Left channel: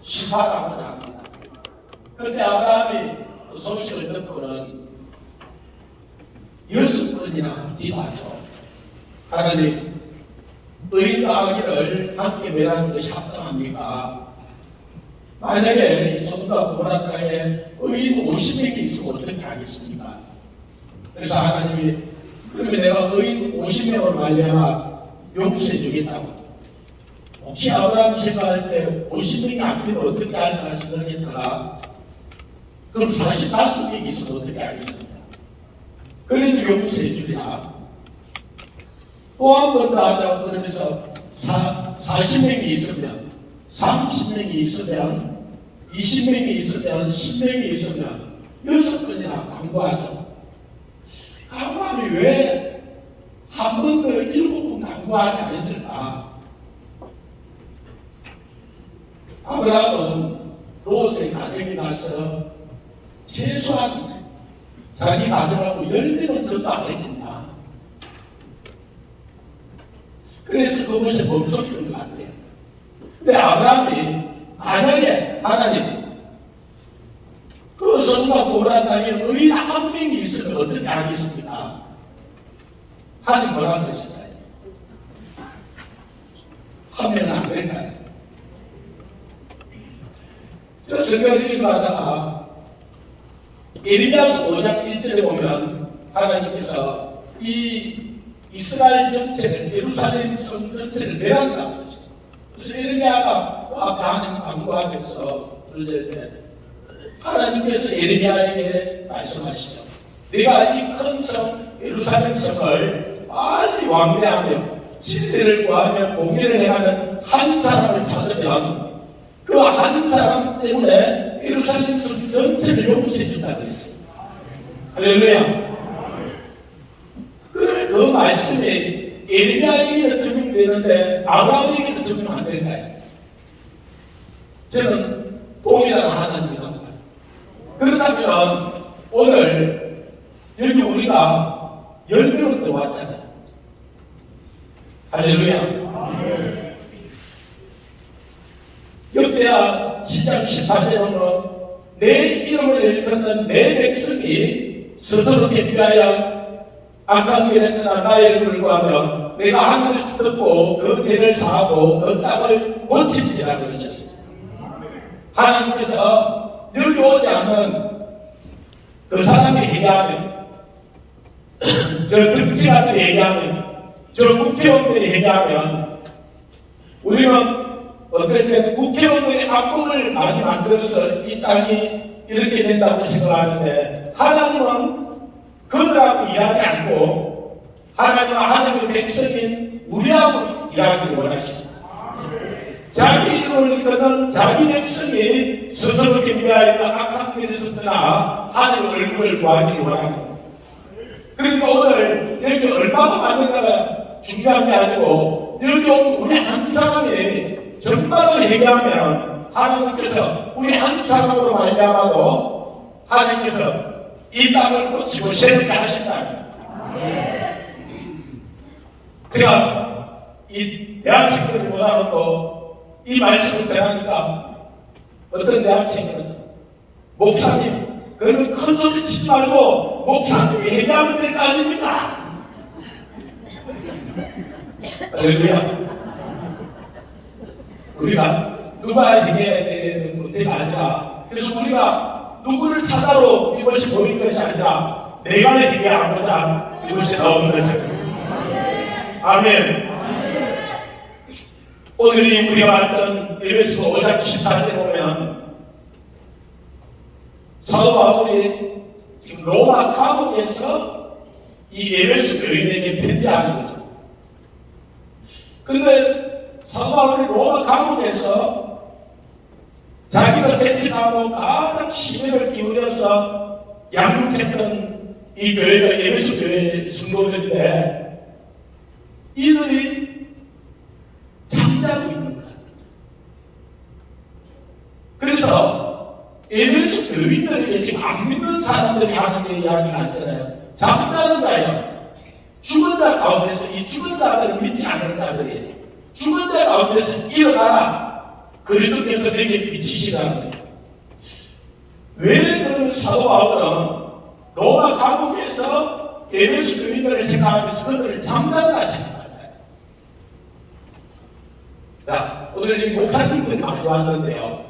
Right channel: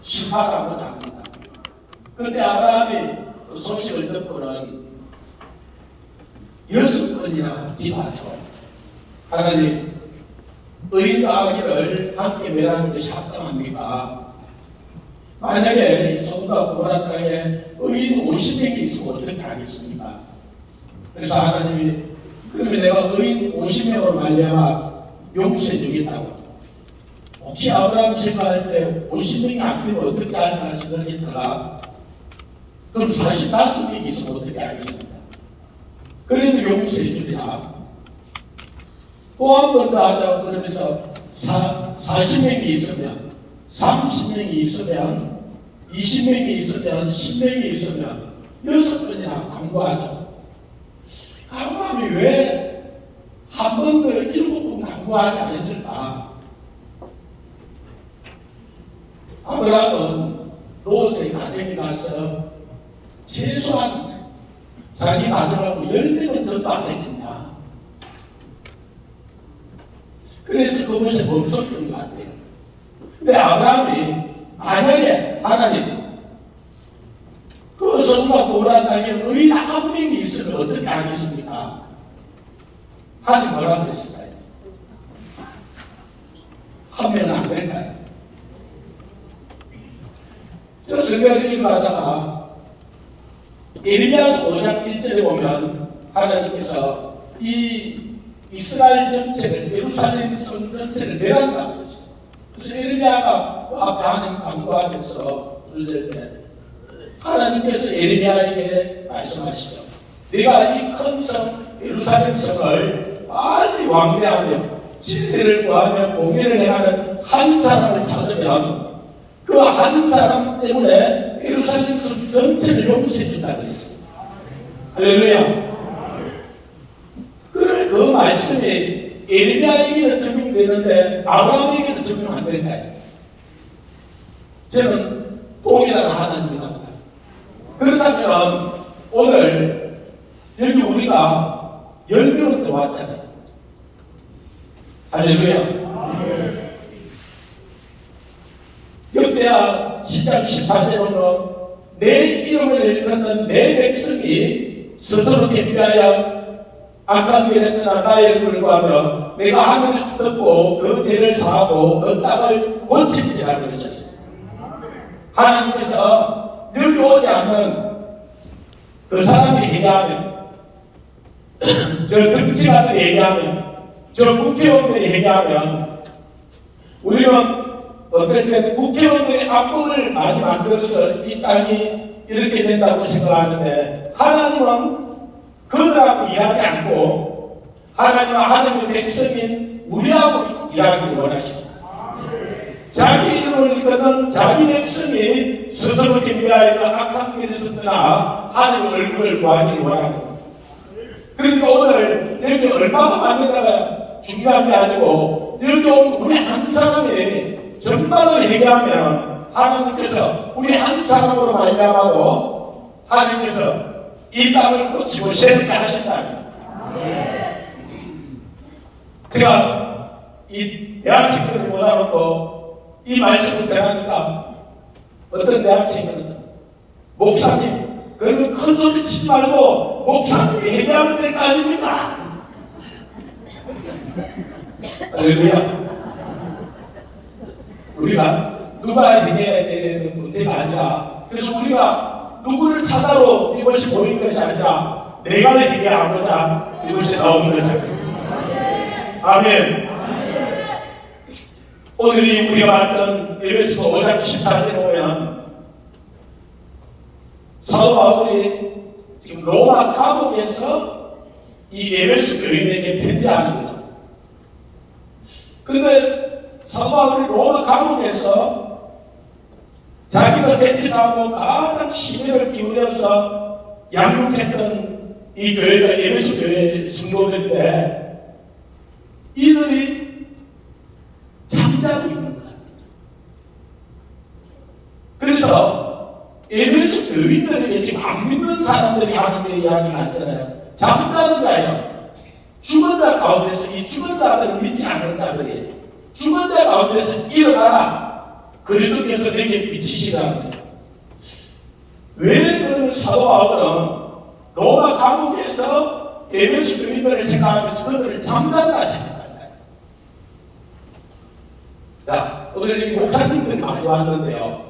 심하다고 합니다. 그런데 아브라함이 그 소식을 듣고는 6번이나 기도하죠. 하나님, 의인과 악인을 함께 멸하는 것이 합당합니까? 만약에 이 소돔과 고모라 땅에 의인 50명이 있으면 어떻게 하겠습니까? 그래서 하나님이 그러면 내가 의인 50명으로 말미암아 용서해 주겠다고. 혹시 아브라함 생각할 때 50명이 안 되면 어떻게 할까 생각했다가 그럼 45명이 있으면 어떻게 하겠습니까? 그래도 용서해 주리라. 또 한 번 더 하자고 그러면서 40명이 있으면 30명이 있으면 20명이 있으면 10명이 있으면 6번이나 강구하죠. 아브라함이 왜 한 번 더 7번 강구하지 않았을까? 아브라함은 롯의 가정에 가서 최소한 자기 가정하고 10대는 전도 안 했겠냐. 그래서 그것에 멈췄던 것 같아요. 근데 아브라함이 만약에 하나님 그 소돔과 고모라 땅에 의인 한 명이 있으면 어떻게 하겠습니까? 하나님 뭐라고 했을까요? 하면 안 될까요? 저 성경을 읽어하다가 에리야서 5장 1절에 보면 하나님께서 이 이스라엘 전체를, 예루살렘 성 전체를 멸한다고 그러죠. 그래서 에리야가 그 앞에 하나님 강구하면서 그럴 때 하나님께서 에리야에게 말씀하시죠. 네가 이 큰 성 예루살렘 성을 빨리 왕래하며 진리를 구하며 공의를 행하는 한 사람을 찾으면 그 한 사람 때문에 예루살렘 성 전체를 용서해 준다고 했어요. 할렐루야. 그 말씀이 에리야에게는 적용되는데 아브라함에게는 적용 안 될까요? 저는 동일한 하나님입니다. 그렇다면 오늘 여기 우리가 10명은 더 왔잖아요. 할렐루야. 역대하 10장 14절에 보면 내 이름을 일컫는 내 백성이 스스로 대비하여 악한 길을 했거나 나의 불구하며 내가 하늘에서 듣고 그 죄를 사하고 그 땅을 고칠지라고 그러셨어요. 하나님께서 여기 오지 않는 그 사람이 얘기하면 저 정치가들이 얘기하면 저 국회의원들이 얘기하면 우리는 어떨 때는 국회의원들의 악보를 많이 만들어서 이 땅이 이렇게 된다고 생각하는데 하나님은 그들하고 일하지 않고 하나님과 하나님의 백성인 우리하고 일하기를 원하십니다. 자기 이름을 일컫는 자기 백성이 스스로 준비하여 악한 길에서 떠나 하나님의 얼굴을 구하기를 원합니다. 그러니까 오늘 여기 얼마나 많은가가 중요한 게 아니고 여기 온 우리 한 사람이 전반을 얘기하면 하나님께서 우리 한 사람으로 말미암아도 하나님께서 이 땅을 고치고 새롭게 하신다. 제가 이 대학생들을 모아놓고 이 말씀을 전하니까 어떤 대학생은 목사님 그러면 큰 소리 치지 말고 목사님이 얘기하면 될 거 아닙니까? 할렐루야. 우리가 누가 얘기해야 되는 문제가 아니라 그래서 우리가 누구를 타다로 이것이 보이는 것이 아니라 내가 얘기하고자 이것이 나오는 것이 아닙니다. 아멘. 오늘 우리가 봤던 에베소 5장 14절에 보면 사도 바울이 지금 로마 감옥에서 이 에베소 교인에게 편지하는 거죠. 근데 사도 바울이 로마 감옥에서 자기가 대치하고 가장 심혈을 기울여서 양육했던 이 교회가 에베소 교회의 성도들인데 이들이 잠자고 있는 것 같아요. 그래서 에베소 교인들에게 지금 안 믿는 사람들이 하는 이야기가 아니잖아요. 잠자는 자예요. 죽은 자 가운데서 이 죽은 자들을 믿지 않는 자들이 죽은 자 가운데서 일어나라. 그 그리스도께서 내게 비치시다는 거예요. 왜 그런 사도 바울은 로마 감옥에서 에베소 교인들을 생각하면서 그들을 잠잠하게 생각합니다. 자, 오늘 이 목사님들이 많이 왔는데요.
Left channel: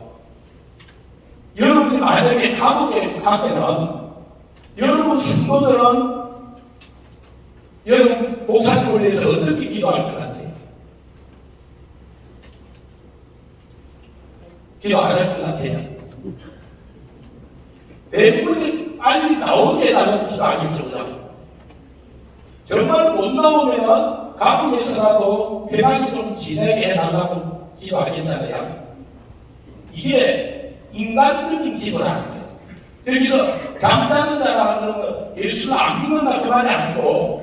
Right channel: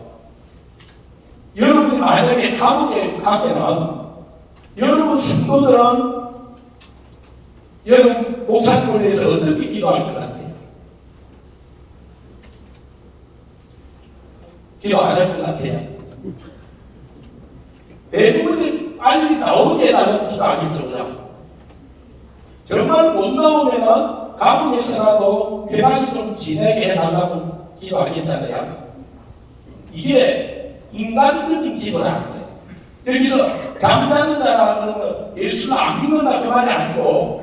여러분이 만약에 감옥에 가면은 여러분 성도들은 여러분 목사님을 위해서 어떻게 기도할 것 같아요? 기도 안 할 것 같아요? 대부분이 빨리 나오게 해달라고 기도하겠죠. 정말 못 나오면은 감옥에서라도 편하게 좀 지내게 해달라고 기도하겠잖아요. 이게 인간적인 기도라는 거예요. 여기서 잠자는 자라는 건 예수를 안 믿는다 그 말이 아니고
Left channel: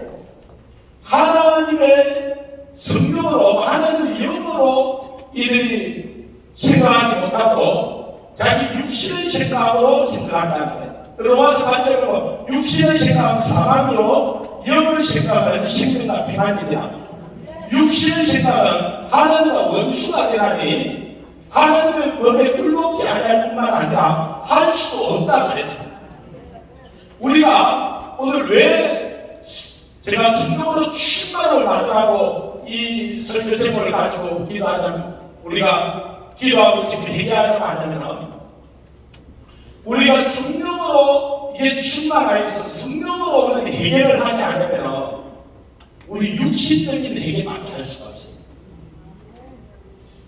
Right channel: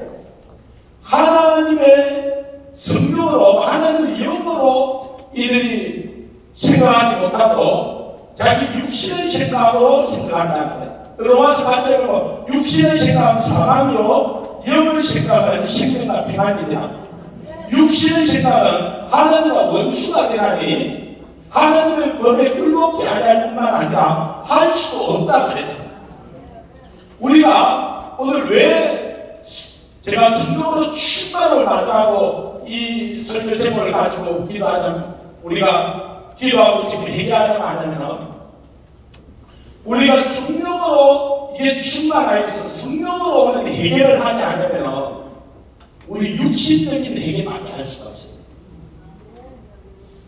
하나님의 성령으로 하나님의 영으로 이들이 생각하지 못하고 자기 육신의 생각으로 생각한다는 거예요. 들어와서 반대로 육신의 생각은 사망이요 영의 생각은 생명과 평안이다. 육신의 생각은 하나님과 원수가 되라니 하나님의 법에 굴복지 않을 뿐만 아니라 할 수도 없다 그랬어요. 우리가 오늘 왜 제가 성령으로 충만을 받으라고 이 설교 제목을 가지고 기도하자면 우리가 기도하고 지금 얘기하자면 하냐면 우리가 성령으로 이게 충만해서 성령으로 오는 해결을 하지 않으면 우리 육신적인 해결밖에 할 수가 없어요.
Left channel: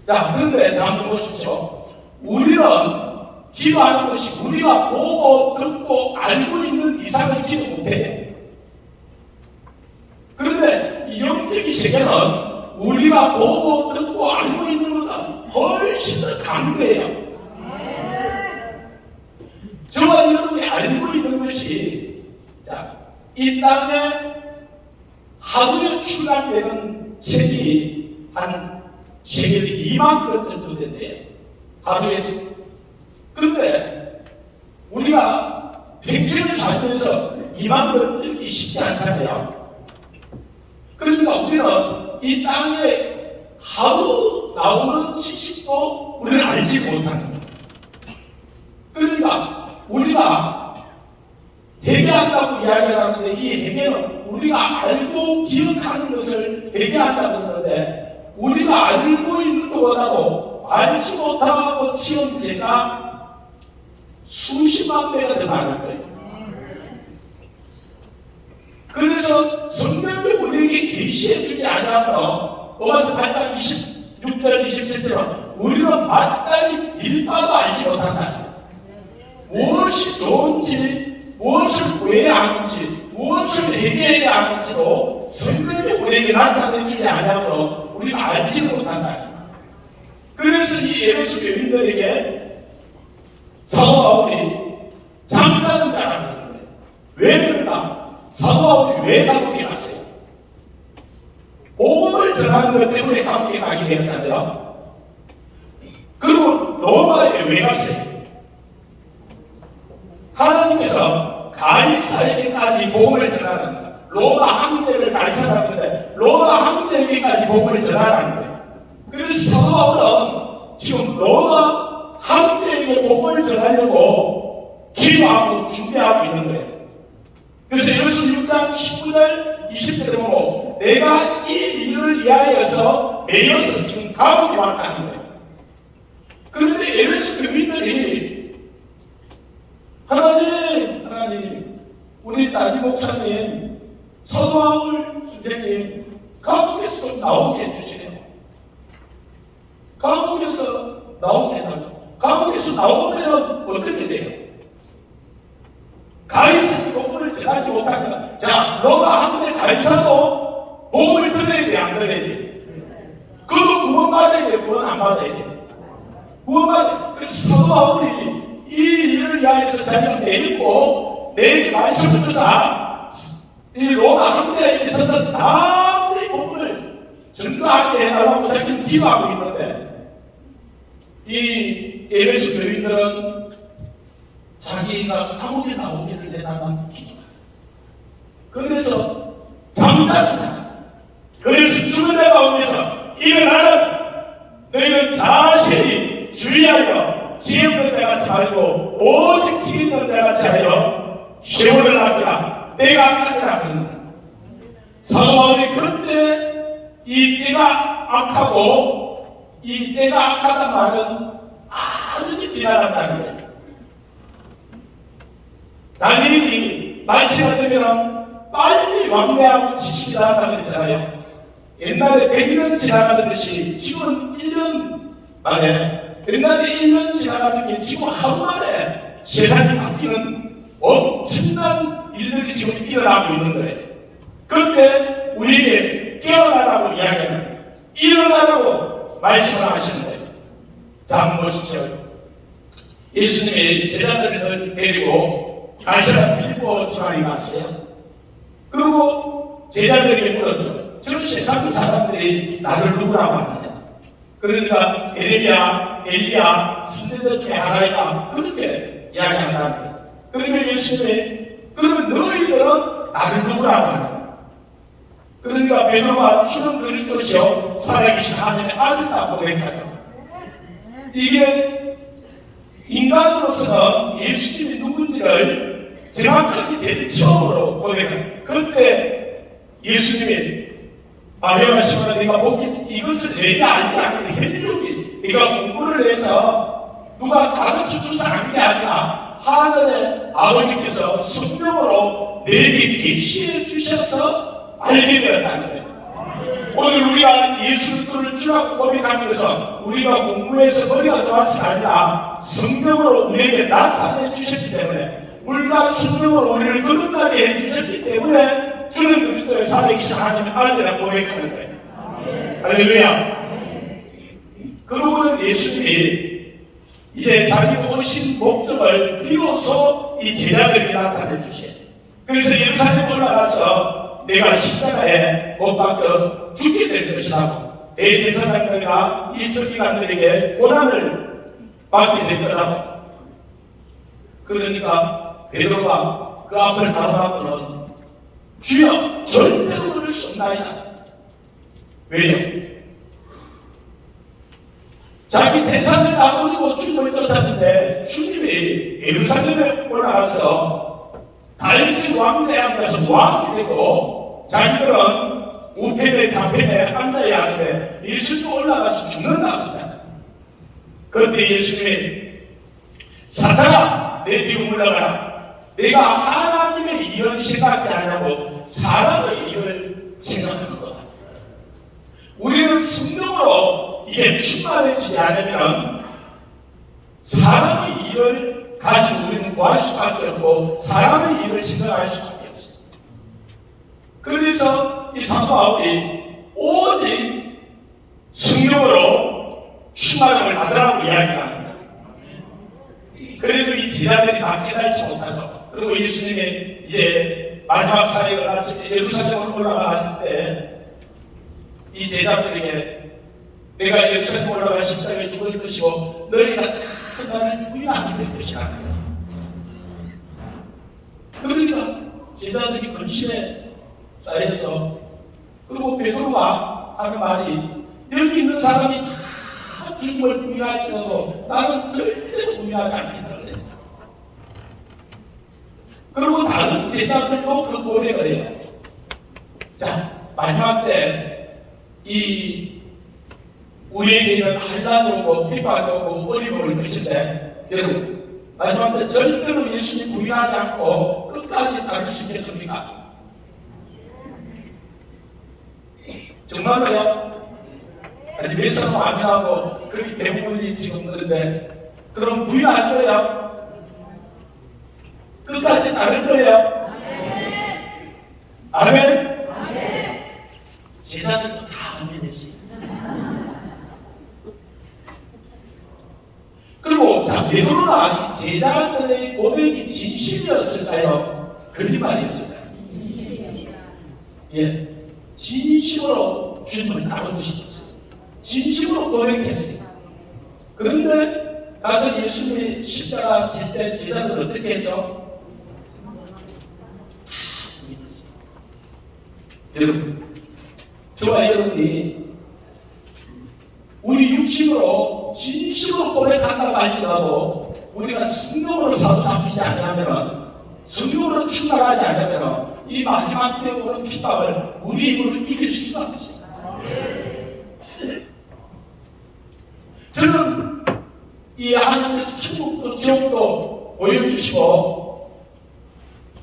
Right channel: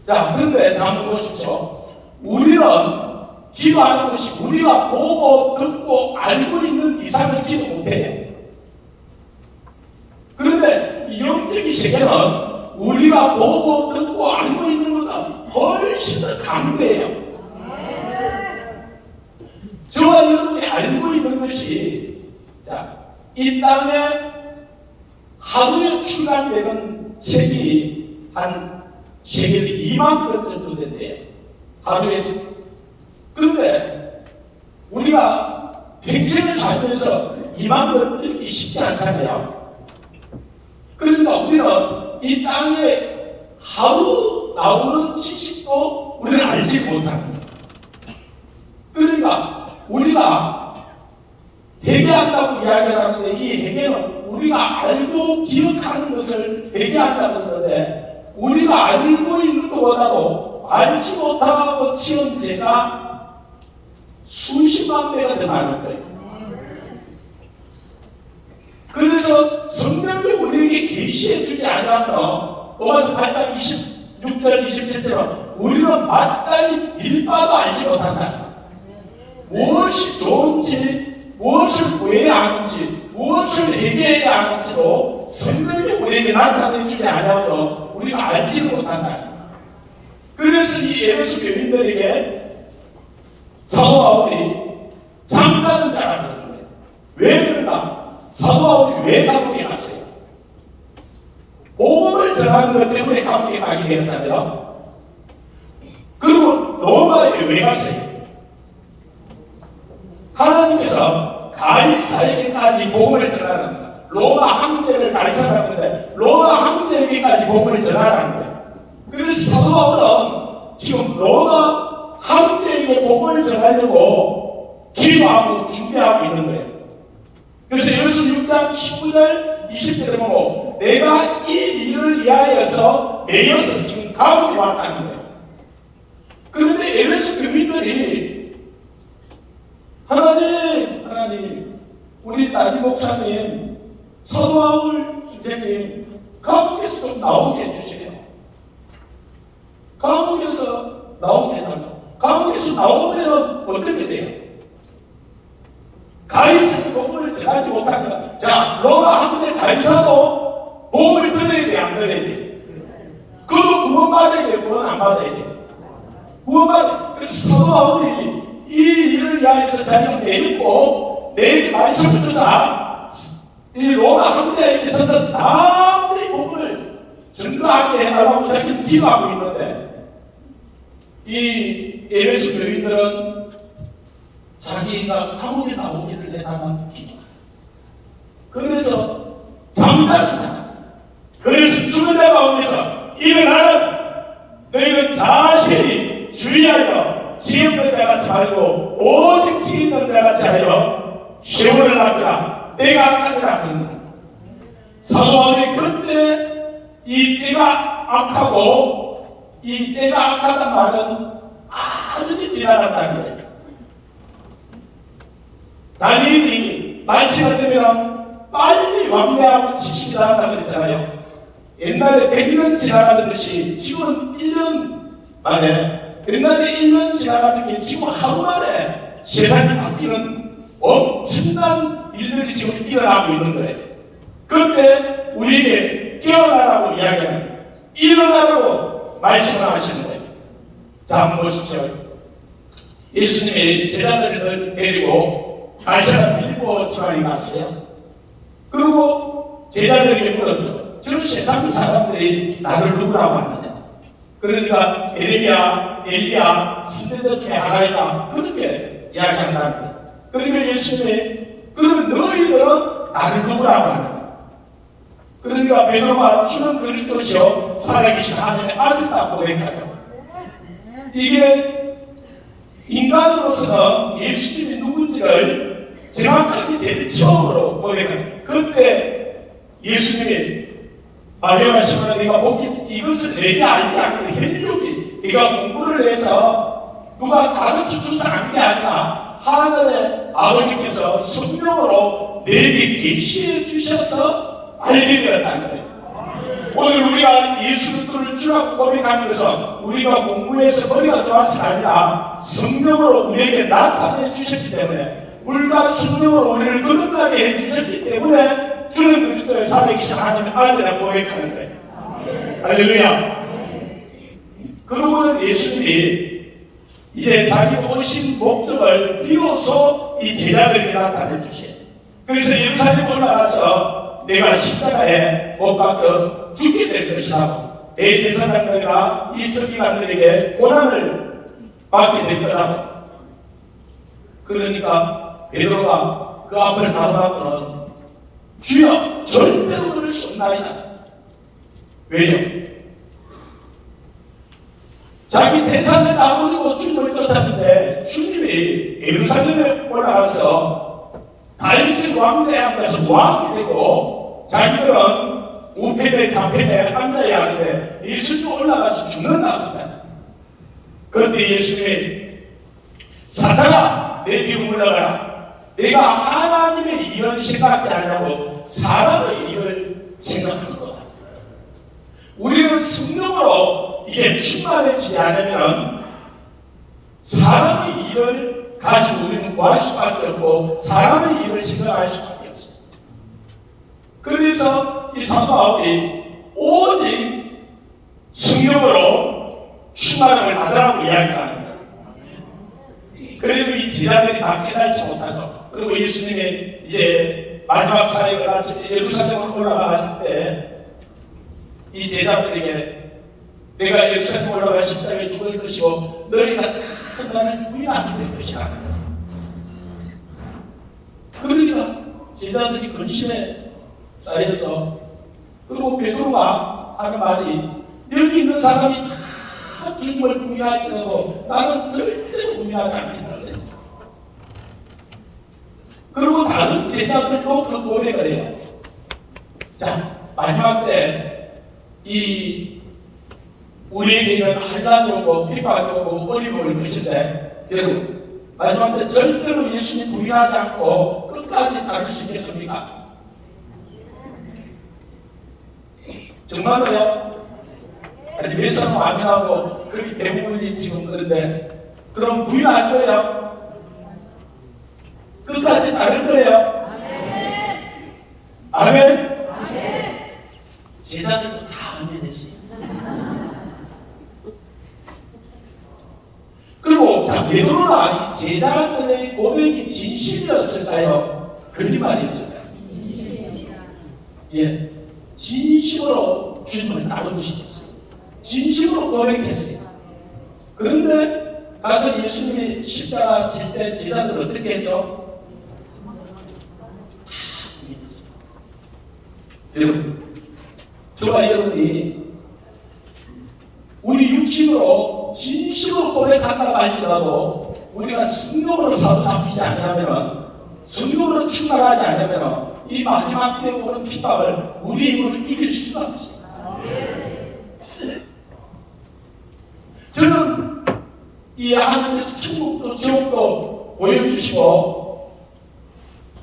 자, 그런데 한번 보시죠. 우리는 기도하는 것이 우리가 보고 듣고 알고 있는 이상을 기도 못해요. 그런데 이 영적인 세계는 우리가 보고 듣고 알고 있는 것보다 훨씬 더 강대해요. 저와 여러분이 알고 있는 것이 자, 이 땅에 하루에 출간되는 책이 한 세계 2만 건 정도 된대요. 하루에. 그런데 우리가 평생을 살면서 2만 건 읽기 쉽지 않잖아요. 그러니까 우리는 이 땅에 하루 나오는 지식도 우리는 알지 못하는 거예요. 그러니까 우리가 회개한다고 이야기를 하는데 이 회개는 우리가 알고 기억하는 것을 회개한다고 하는데 우리가 알고 있는 것보다도 알지 못하고 치운 죄가 수십만 배가 더 많을 거예요. 그래서 성경이 우리에게 계시해 주지 않으면 로마서 8장 26절 27절은 우리는 마땅히 빌바도 알지 못한다. 무엇이 좋은지 무엇을 구해야 하는지 무엇을 회개해야 하는지로 성경이 우리에게 나타내 주지 않으면 우리가 알지 못한다. 그래서 이 에베소 교인들에게 사도 바울이 잠자는 자라는 거예요. 왜 그런가? 사도 바울이 왜 감옥에 갔어요? 복음을 전하는 것 때문에 감옥에 가게 되었잖아요. 그리고 로마에 왜 갔어요? 하나님께서 가이사에게까지 복음을 전하는 거예요. 로마 황제를 가이사라는데 로마 황제에게까지 복음을 전하라는 거예요. 그래서 사도 바울은 지금 로마 황제에게 복음을 전하려고 기도하고 준비하고 있는 거예요. 그래서 예수 6장 19절 20절에 보고 내가 이 일을 위하여서 매여서 지금 감옥에 왔다는 거예요. 그런데 에베소 교인들이 하나님 우리 딸이 목사님 사도 바울 선생님 감옥에서 좀 나오게 해주세요. 감옥에서 나오게 해달라고. 감옥에서 나오면 어떻게 돼요? 가이사의 복음을 전하지 못합니다. 자, 로마 황제 가이사도 복음을 들어야 돼, 안 들어야 돼? 그도 구원받아야 돼, 구원 안 받아야 돼? 구원받아야 돼. 그래서 사도 바울이 이 일을 위해서 자기가 내리고 내일 말씀을 듣사 이 로마 황제에게 서서 다음의 복음을 증거하게 해달라고 자기는 기도하고 있는데 이 에베소 교인들은 자기가 감옥에 나오기를 해달라고 기도합니다. 그래서 잠잠자. 그래서 죽은 자가 오면서 일어나라. 너희는 자신이 지 없는 자 같이 말고 오직 지 있는 자 같이 하여 시온을 낳으라. 때가 악하니라. 사도 바울이 그때 이 때가 악하고 이 때가 악하다는 말은 아주 지나간다는 거예요. 다니엘이 말씀을 들으면 빨리 왕래하고 지식이 나간다고 했잖아요. 옛날에 100년 지나가듯이 지금은 1년 만에, 옛날에 1년 지나가는 게 지금 하루 만에 세상이 바뀌는 엄청난 일들이 지금 일어나고 있는 거예요. 그때 우리에게 깨어나라고 이야기하면 일어나라고 말씀을 하시는 거예요. 자, 한번 보십시오. 예수님이 제자들을 데리고 가시나 빌보 지방에 갔어요. 그리고 제자들에게 물었죠. 저 세상 사람들이 나를 누구라고 하느냐. 그러니까 엘리야, 선지자 중에 하나이다. 그렇게 이야기한다는 거예요. 그러니까 예수님이 그러면 너희들은 나를 누구라고 하느냐. 그러니까 베드로가 주는 그리스도시요 살아계신 하나님의 아들이다 고백하죠. 이게 인간으로서는 예수님이 누군지를 정확하게 제일 처음으로 고백해요. 그때 예수님이 바요하시면 네가 보기 이것을 내가 알게 아니라 혈육이 네가 공부를 해서 누가 가르쳐줘서 안 게 아니라 하늘의 아버지께서 성령으로 내게 계시해 주셔서 알게 되었다는 거예요. 오늘 우리가 예수 그리스도를 주라고 고백하는 것은 우리가 공부해서 머리가 좋아서가 아니라 성령으로 우리에게 나타내 주셨기 때문에 물과 성령으로 우리를 거듭나게 해주셨기 때문에 주는 그리스도의 살아계신 하나님의 아들이라고 고백하는 거예요. 할렐루야. 그러고는 예수님이 이제 자기 오신 목적을 비로소 이 제자들에게 나타내 주시죠. 그래서 예루살렘 올라가서 내가 십자가에 못 박혀 죽게 될 것이라고 대제사장들과 이 서기관들에게 고난을 받게 될 거라고. 그러니까 베드로가 그 앞을 가로하고는 주여 절대로 그럴 수 없나이다. 왜요? 자기 재산을 다 버리고 주님을 쫓았는데 주님이 예루살렘에 올라가서 다윗의 왕좌에 앉아서 왕이 되고 자기들은 우편에 좌편에 앉아야 하는데 예수님 올라가서 죽는다고 하잖아요. 그런데 예수님이 사탄아 내 뒤로 물러가라. 내가 하나님의 일을 생각하지 않냐고 사람의 일을 생각하는 거야. 우리는 성령으로 이게 충만해지지 않으면 사람의 일을 가지고 우리는 구할 수밖에 없고 사람의 일을 생각할 수밖에 없어요. 그래서 이 사도 바울이 오직 성령으로 충만을 받으라고 이야기합니다. 그래도 이 제자들이 다 깨달지 못하고 그리고 예수님이 이제 마지막 사역을 마치 예루살렘으로 올라가는데 이 제자들에게 내가 예루살렘 올라가 십자가에 죽을 것이고 너희가 다 나를 부인하게 될 것이라. 그러니까 제자들이 근심에 쌓였어. 그리고 베드로가 하는 말이 여기 있는 사람이 다 주님을 부인하지 않고 나는 절대로 부인하지 않겠다. 그리고 다른 제자들도 그 고백을 해요. 자, 마지막 때 이 우리에게는 환난이 오고 핍박이 오고 어려움이 올 것인데 여러분 마지막 때 절대로 예수님 부인하지 않고 끝까지 따를 수 있겠습니까? 정말로요? 아니 몇 사람 아니라고 그게 대부분이 지금 그런데 그럼 부인할 거예요? 끝까지 따를 거예요? 아멘? 제자들도 다 아멘했어요. 그리고 베드로가 제자들의 고백이 진심이었을까요? 거짓말이었을까요? 예, 진심으로 주님을 따르시겠어요. 진심으로 고백했어요. 그런데 가서 예수님이 십자가 질 때 제자들 어떻게 했죠? 여러분, 저와 여러분이 우리 육신으로 진심으로 고백한다고 할지라도 우리가 성령으로 사로잡히지 않으면, 성령으로 충만하지 않으면 이 마지막 때 오는 핍박을 우리 힘으로 이길 수가 없습니다. 저는 이 하나님께서 천국도 지옥도 보여주시고,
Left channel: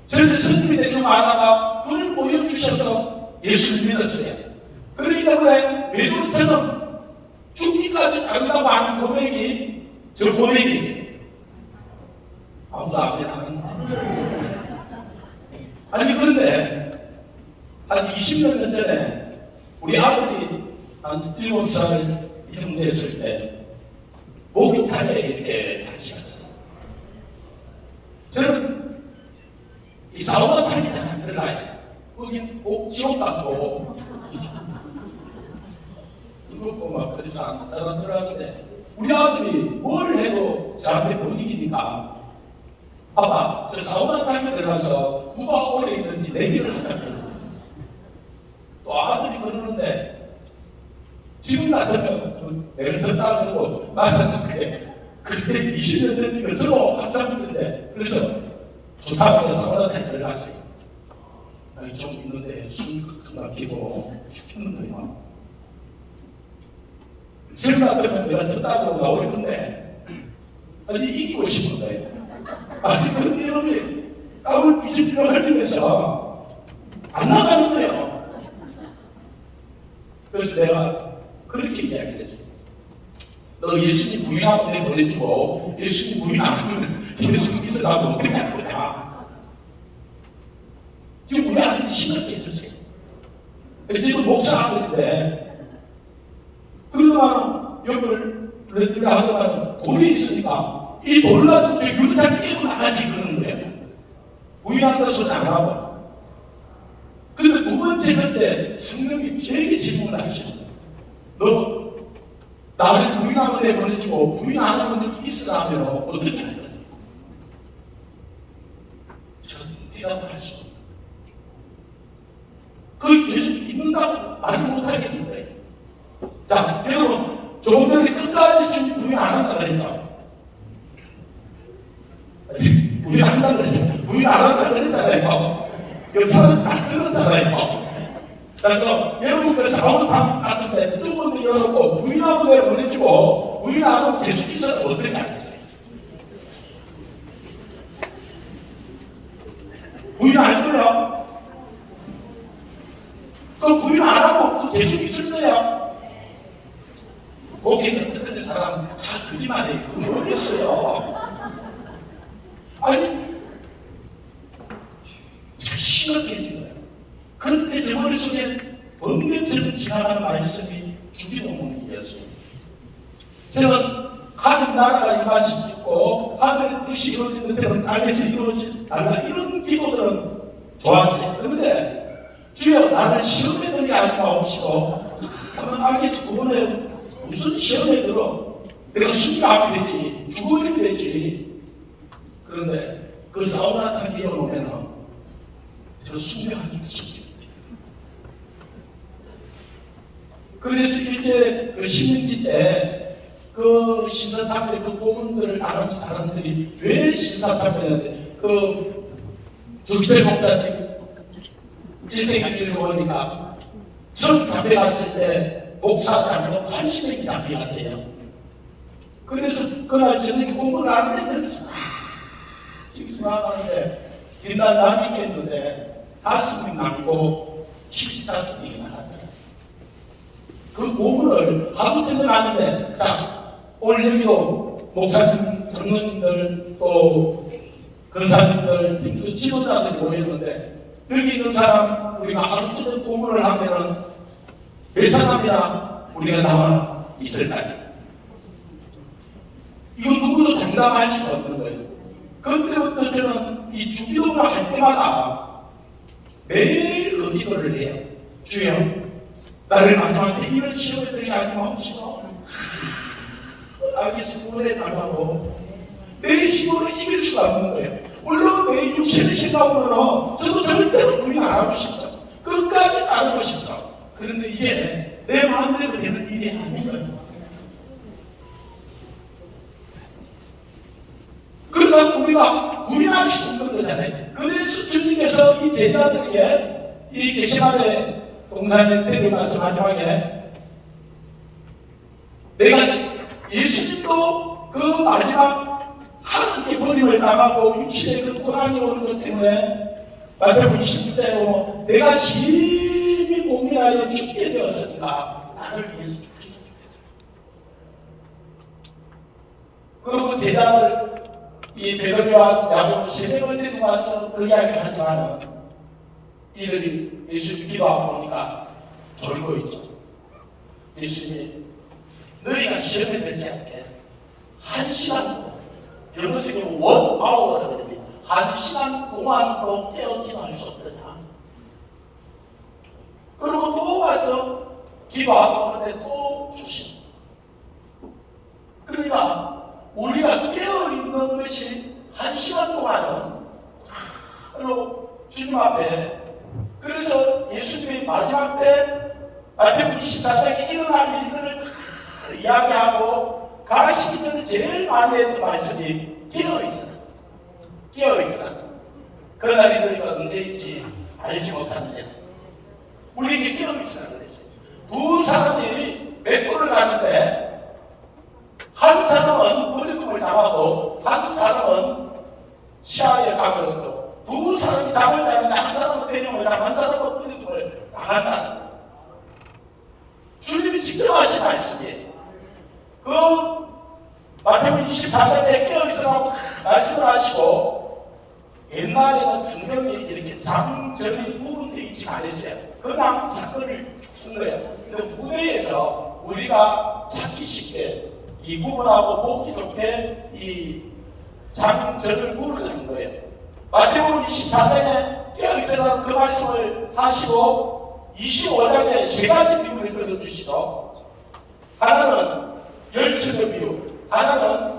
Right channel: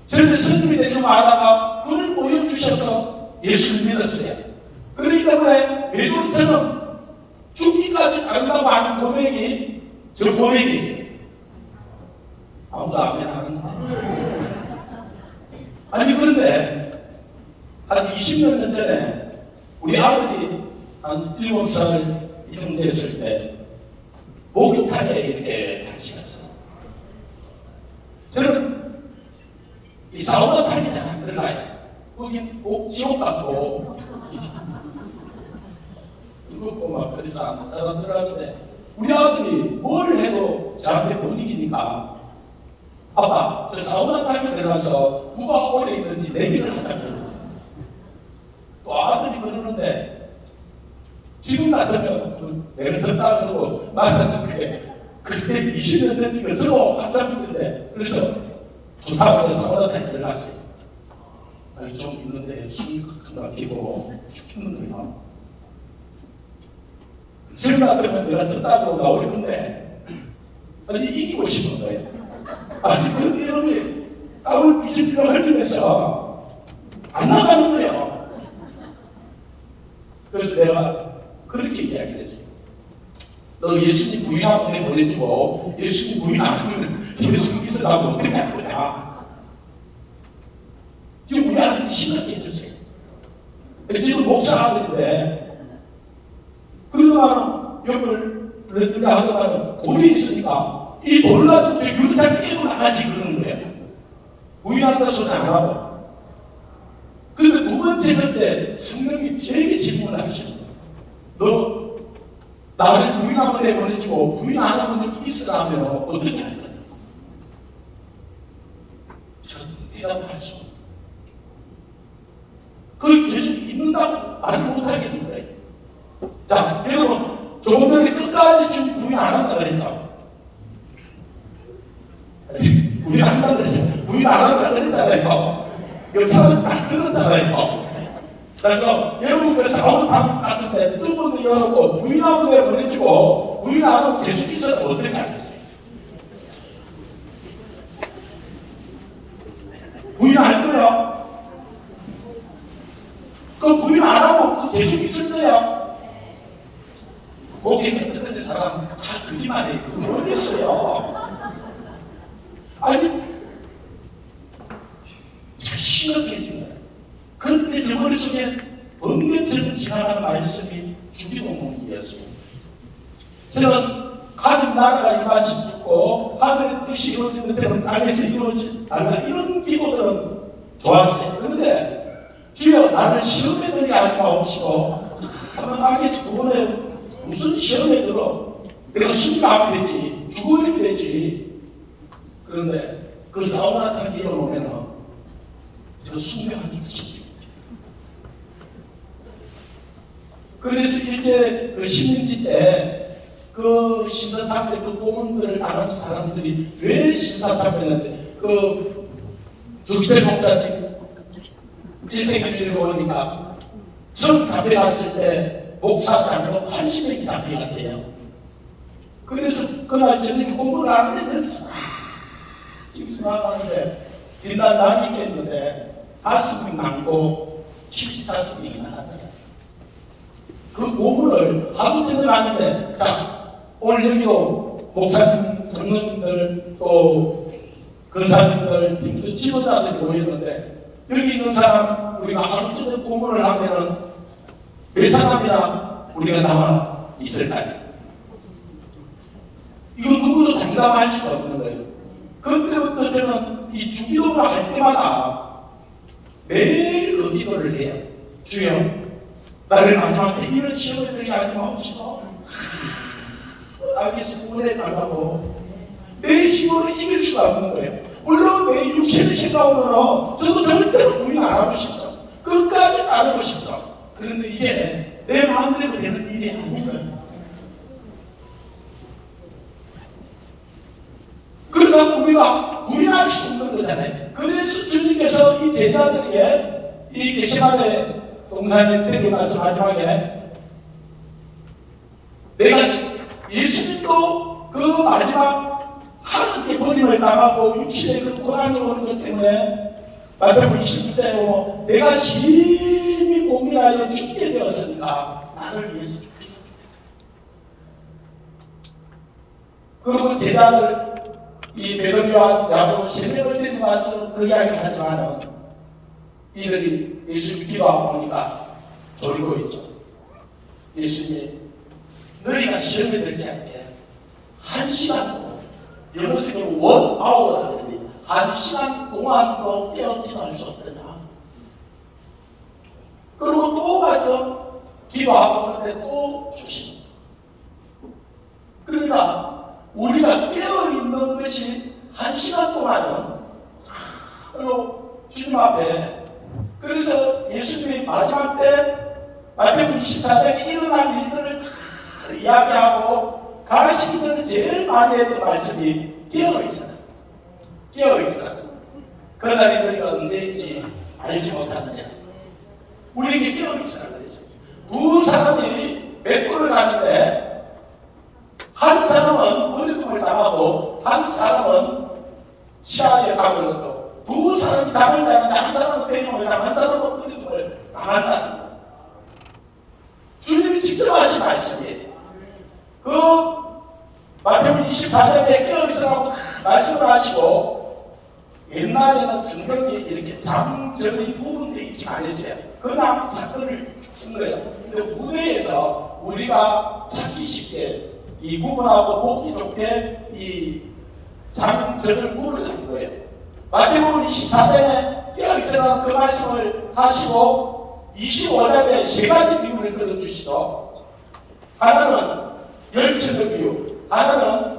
저는 성경이 되는 말하다가 그걸 보여주셔서 예수를 믿었어요. 그렇기 때문에 외도처럼 죽기까지 따른다고 하는 고백이, 저 고백이 아무도 아멘 안 합니다. 아니, 그런데 한 20몇 년 전에 우리 아버지 한 7살 이정 됐을 때 목욕탕에 이렇게 같이 갔어요. 저는 이 사우나 타기 잘 안 들어가요. 거기 꼭 지옥 같고 그렇고 막 그래서 잘 안 들어가는데 우리 아들이 뭘 해도 제 앞에 못 이기니까 아빠, 저 사우나 타기 들어가서 누가 오래 있는지 내기를 하자고. 또 아들이 그러는데 지금 같으면 내가 졌다 그러고 말해서 그때 20년 전이니까 저도 깜짝 놀랐는데, 그래서 좋다고 해서 사우나 타기 들어갔어요. 아니, 좀 있는데 숨이 크게 막히고 죽는 거야. 지금 같으면 내가 졌다고 나올 건데, 아니, 이기고 싶은 거예요. 아니, 그런데 땀을 뒤집기로 흘리면서 안 나가는 거예요. 그래서 내가 그렇게 이야기를 했어요. 너 예수님 부인하고 내 보내주고 예수님 부인 안 하면 계속 있으라고 어떻게 할 거야. 지금 우리 아들이 심각해 해주세요. 지금 목사하고 있는데 그러더만 옆을 하더만 돈이 있으니까 이 돈을 가지고 저 율장 깨고 나가지 그러는 거예요. 부인한다 소리 안 하고. 그런데 두 번째 그때 성령이 되게 질문을 하시죠. 너 나를 부인하고 내보내주고 부인 안 하면 있으라면 어떻게 할 거야? 저는 대답을 하시고. 그걸 계속 있는다고 말을 못하겠는데. 자, 여러분, 조금 전에 끝까지 지금 부인 안 한다 그랬죠. 부인 안 한다 그랬어요. 부인 안 한다 그랬잖아요. 역사는 다 들었잖아요. 그러니까 여러분 그 사우나 같은데 뜨문을 열어놓고 부인하고 내보내주고 부인 안 하고 계속 있어서 어떻게 하겠어요? 부인 할 거야? 그 부인 안 하고 계속 있을 거야? 거기에 끝까지 사람 다 거짓말해. 그거 어디 있어요? 아니, 심하게 해준 거예요. 그때 제 머릿속에 번개처럼 지나가는 말씀이 주기도문이었어요. 저는 하나님 나라가 임하시고 있고 하나님의 뜻이 이루어진 것처럼 땅에서 이루어진 달라 이런 기도들은 좋았어요. 그런데 주여 나를 시험에 들게 하지 마옵시고 하면 땅에서 구원해 무슨 시험에 들어 내가 신고하면 되지 죽으면 되지. 그런데 그 사우나 타기 이어놓으면 그 순명한 것이지. 그래서 일제 그 신민지 때 그 신사참배 그 고문들을 나가는 사람들이 왜 신사참배냐는데 그 적재 목사님 일대기 밀고 오니까 처음 잡혀 갔을 때 목사 잡혀가 80명이 잡혀갔대요. 그래서 그날 저녁에 공부를 안 했면서 생각하는데 일단 남이 있는데 5명 남고 75명이 나갔대요. 그 노문을 하루 전에 가는데 자 오늘 여기도 목사님, 장로님들 또 근사님들, 빈도 지도자들이 모였는데 여기 있는 사람 우리가 하루 전에 공부를 하면은 몇 사람이나 우리가 나와 있을까요? 이거 누구도 장담할 수가 없는 거예요. 그때부터 저는 이 주기도를 할 때마다 매일 그 기도를 해요. 주여 나를 마지막 때 이런 시험에 들게 하지 마옵시고 알겠습니다. 그래 나가고 내 힘으로 이길 수가 없는 거예요. 물론 내 육신의 생각으로는 저도 절대로 부인 안 하고 싶죠. 끝까지 따르고 싶죠. 그런데 이게 내 마음대로 되는 일이 아닌 거예요. 그러면 우리가 부인할 수 없는 거잖아요. 그래서 주님께서 이 제자들에게 이 게세마네 동산에 데려가서 마지막에 내가 예수님도 그 마지막 하나님께 버림을 당하고 육신의 그 고난이 오는 것 때문에 마태복음 26장에 보면 내가 심히 고민하여 죽게 되었습니다. 나를 위해서. 그리고 제자들 이 베드로와 야고보 세명을 데리고 가서 그 이야기를 하지만 이들이 예수님 기도하고 보니까 졸고 있죠. 예수님이 너희가 시험에 들지 않게 1시간 동안 영어식으로 1 hour라고 하는데 1시간 동안도 깨어 기도할 수 없더냐. 그리고 또 가서 기도하고 그런데 또 주십니다. 그러니까 우리가 깨어있는 것이 1시간 동안은 주님 앞에 그래서 예수님이 마지막 때 마태복음 24장에 일어날 일들을 다 이야기하고 가르치기는 제일 많이 했던 말씀이 깨어있어라. 깨어있어라. 그날이 너희가 언제인지 알지 못하느냐. 우리에게 깨어있어라 그랬어요. 두 사람이 맥도를 가는데 한 사람은 어려움을 당하고 한 사람은 시야에 가버렸고 두 사람이 잠을 자는데 한 사람은 대림을 당하고 한 사람은 어려움을 당한다. 주님이 직접 하신 말씀이에요. 그 마태복음 24장에 깨어있으라고 말씀을 하시고 옛날에는 성경이 이렇게 장절이 구분되어 있지 않았어요. 그냥 사건을 쓴 거예요. 근데 무대에서 우리가 찾기 쉽게 이 구분하고 보기 좋게 이 장절을 구분을 한 거예요. 마태복음 24장에 깨어있으라는 그 말씀을 하시고 25장에 세 가지 비유를 들어주시고 하나는 열처의 비유, 하나는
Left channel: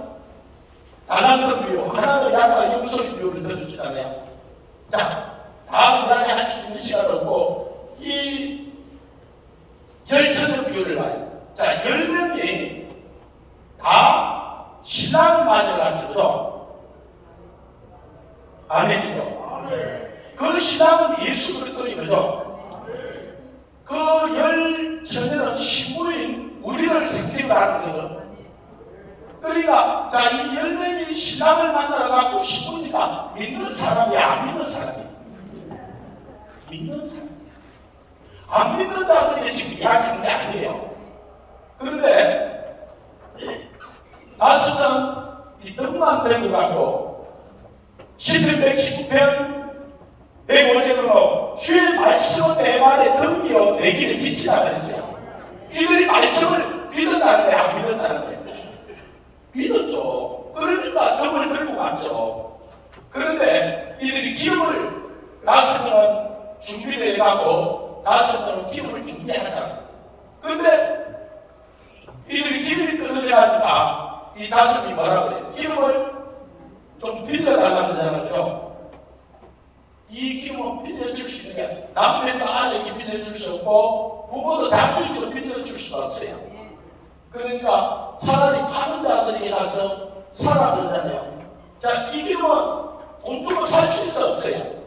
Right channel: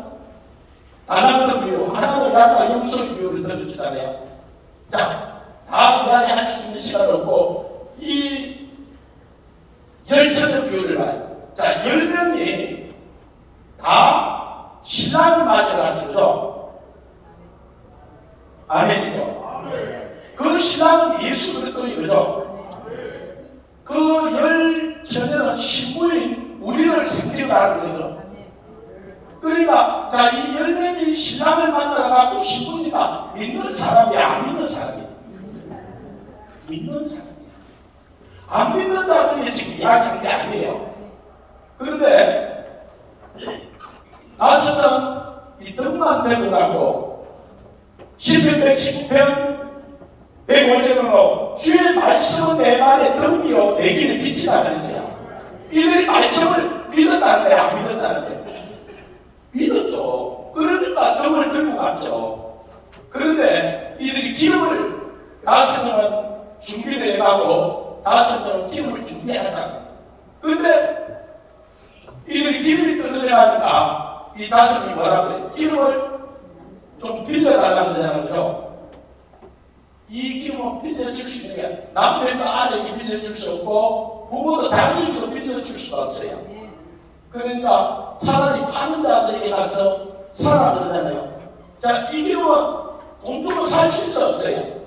다란트 비유, 하나는 양과 영소의 비유를 들어주잖아요. 자, 다음 시간에 할 수 있는 시간 없고 이 열처의 비유를 봐요. 자, 10명이 다 신랑을 맞아갔었죠. 아멘이죠. 그 신랑은 예수 그리스도이죠. 그 열처녀는 신부인 우리를 생각하는 거예요. 그러니까 자, 이 10명이 신랑을 만나러 가고 신부니까 믿는 사람이 안 믿는 사람이 믿는 사람 안 믿는 자들이 지금 이야기하는 게 아니에요. 그런데 다섯은 이 떡만 들고 가고 10편 119편 105절으로 주의 말씀은 내 말에 덤이요 내 길에 빛이다 그랬어요. 이들이 말씀을 믿었다는데 안 믿었다는데 믿었죠. 그러니까 덤을 들고 갔죠. 그런데 이들이 기름을 다섯은 준비를 해가고 다섯은 기름을 준비하자. 그런데 이들이 기름이 떨어져 가니까 이 다섯이 뭐라 그래요? 기름을 좀 빌려달라고 그러죠. 이 기름은 빌려줄 수 있는 게 남편도 아내에게 빌려줄 수 없고 부모도 자기에게도 빌려줄 수가 없어요. 그러니까 차라리 파는 자들에게 가서 사라 그러잖아요. 자, 이 기름은 돈 주고 살 수 없어요.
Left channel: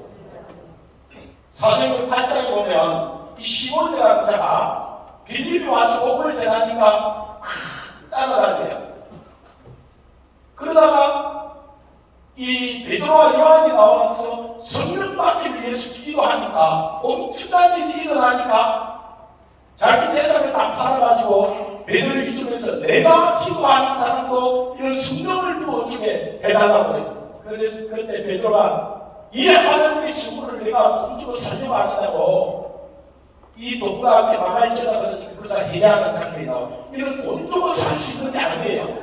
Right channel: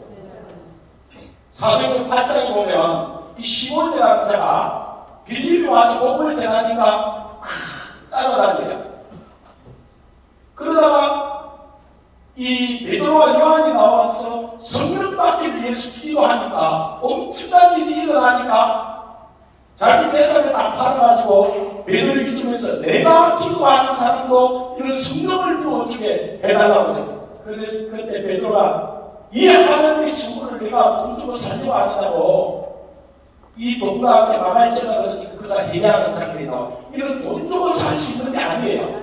사도행전 8장에 보면 이 시몬이라는 자가 빌립이 와서 복음을 전하니까 따라다녀요. 그러다가 이 베드로와 요한이 나와서 성령 받기 위해서 기도하니까 엄청난 일이 일어나니까 자기 재산을 다 팔아가지고 베드로를 이쪽에서 내가 기도하는 사람도 이런 성령을 부어주게 해달라고 그래요. 그래서 그때 베드로가 이 하나님의 신부를 내가 돈 주고 살려고 하겠다고 이 돈과 함께 망할 자가 그러니까 그가 해야 하는 장면이 나와요. 이건 돈 주고 살 수 있는 게 아니에요.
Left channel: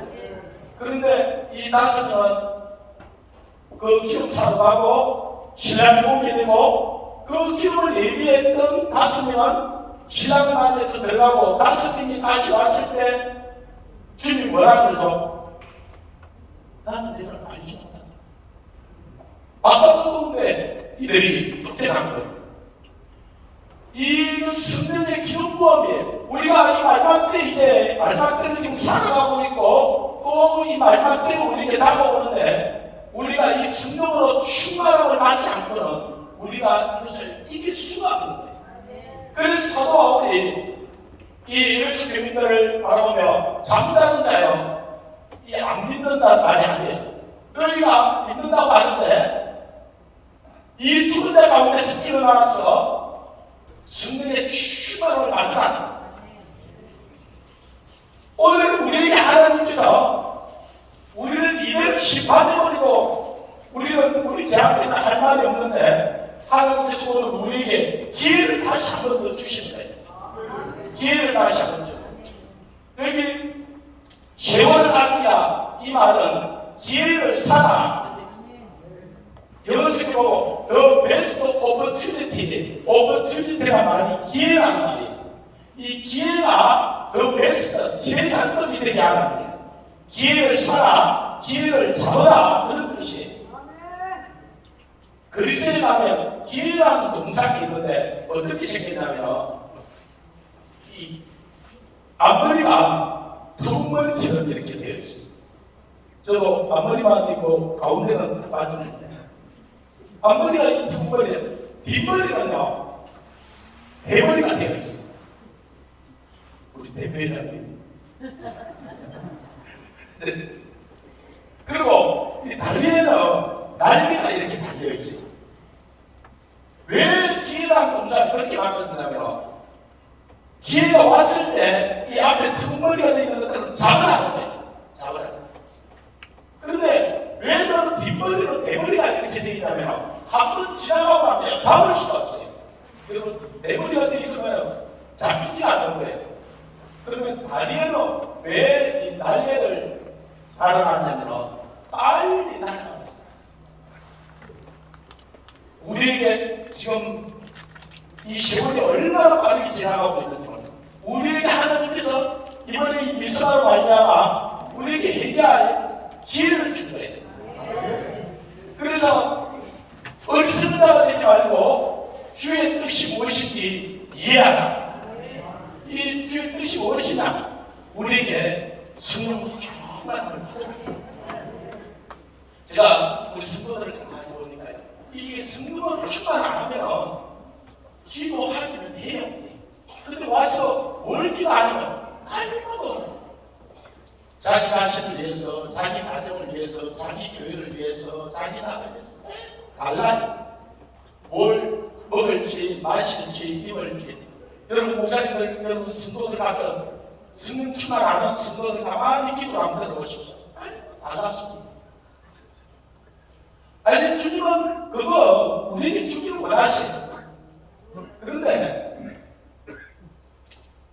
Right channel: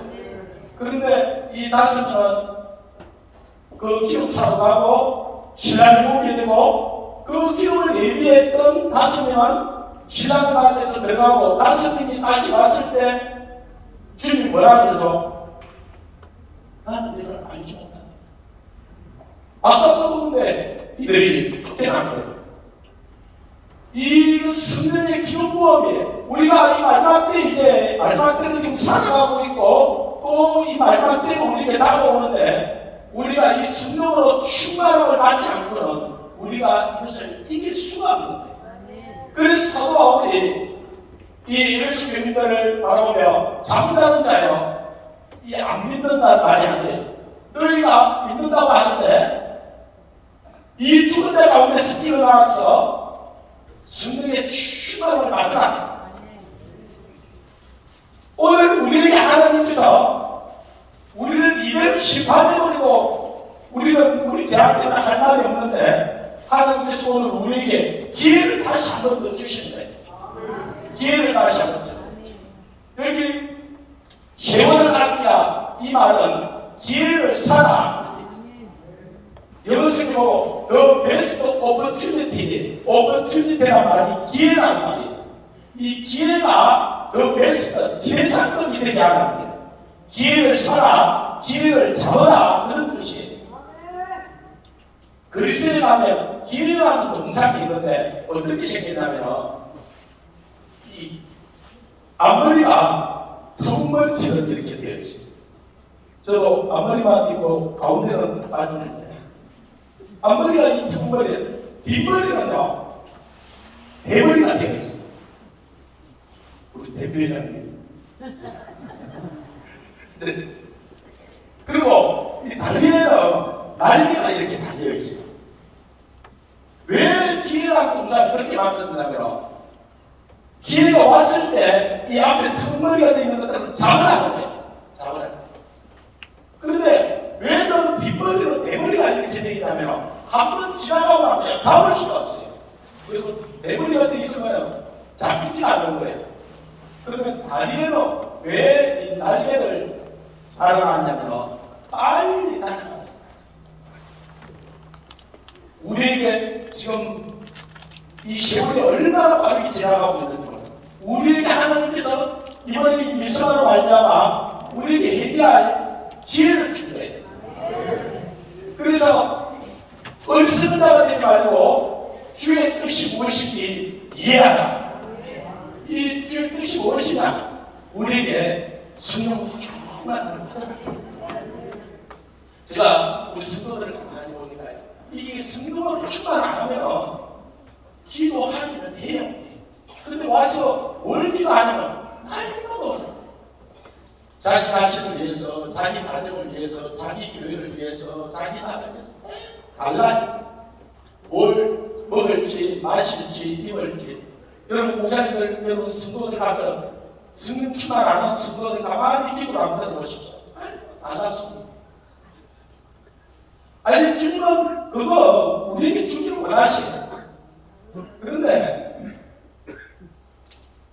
그런데 이 다섯은 그 기름 사러 가고 신랑이 오게 되고 그 기름을 예비했던 다섯 명은 신랑 가운데서 들어가고 다섯 명이 다시 왔을 때 주님이 뭐라 그러죠? 나는 내가 알지 못한다. 아까도 그런데 이들이 쫓겨난 거예요. 이 성령의 기름 부음이 우리가 이 마지막 때 이제 마지막 때를 지금 살아가고 있고 또 이 마지막 때가 우리에게 다가오는데 우리가 이 성령으로 충만함을 받지 않고는 우리가 이것을 이길 수가 없는 거예요. 그래서 사도 바울이 이 예수 교인들을 바라보며 잠자는 자여 이 안 믿는다는 말이 아니에요. 너희가 믿는다고 하는데 이 죽은 자 가운데서 일어나서 성령의 충만함을 받으라. 오늘 우리에게 하나님께서 우리를 이대로 심판해버리고 우리는 우리 제한테는 할 말이 없는데 하나님께서 오늘 우리에게 기회를 다시 한 번 더 주시는 거예요. 기회를 다시 한 번 더. 여기 세월을 아끼라 이 말은 기회를 사라. 영어식으로 보고 the best opportunity란 말이 기회라는 말이에요. 이 기회가 the best 최상급이 되게 하는 거예요. 기회를 사라, 기회를 잡아라 그런 뜻이에요. 그리스도에 가면 기회라는 동상이 있는데 어떻게 생겼냐면 이 앞머리가 턱머리처럼 이렇게 되어 있어요. 저도 앞머리만 있고 가운데는 빠지는데 앞머리가 이 턱머리에 뒷머리는요 대머리가 되어 있어요. 우리 대표회장님. 그리고 이 다리에는 날개가 이렇게 달려 있어요. 왜 기회라는 동사를 그렇게 만들었냐면 기회가 왔을 때 이 앞에 턱머리가 되는 것들은 잡으라는 거예요. 잡으라는 거예요. 그런데 왜 그런 뒷머리로 대머리가 이렇게 되어 있냐면 한 번 지나가고 나면 그냥 잡을 수가 없어요. 그리고 대머리가 되어 있으면 잡히지 않는 거예요. 그러면 다리에는 왜 이 날개를 달아놨냐면 빨리 날아가요. 우리에게 지금 이 세월이 얼마나 빠르게 지나가고 있는지 우리에게 하나님께서 이번에 이 미션으로 말미암아 우리에게 해결할 기회를 준 거예요. 그래서 얼큰다가 되지 말고 주의 뜻이 무엇인지 이해하라. 이 주의 뜻이 무엇이냐? 우리에게 성령 충만함을 받으라. 제가 우리 성도들을 가만히 보니까 이게 성령으로 충만 안 하면 기도하기는 해요. 근데 와서 멀지도 않으면 말도 자기 자신을 위해서, 자기 가정을 위해서, 자기 교회를 위해서, 자기 나라를 위해서 달라요. 뭘 먹을지, 마실지, 입을지. 여러분 목사님들, 여러분 성도들 가서 성령 충만 안 하는 성도들 가만히 기도를 한번 들어보십시오. 달랐습니다. 아니 주님은 그거 우리에게 주기를 원하시네. 그런데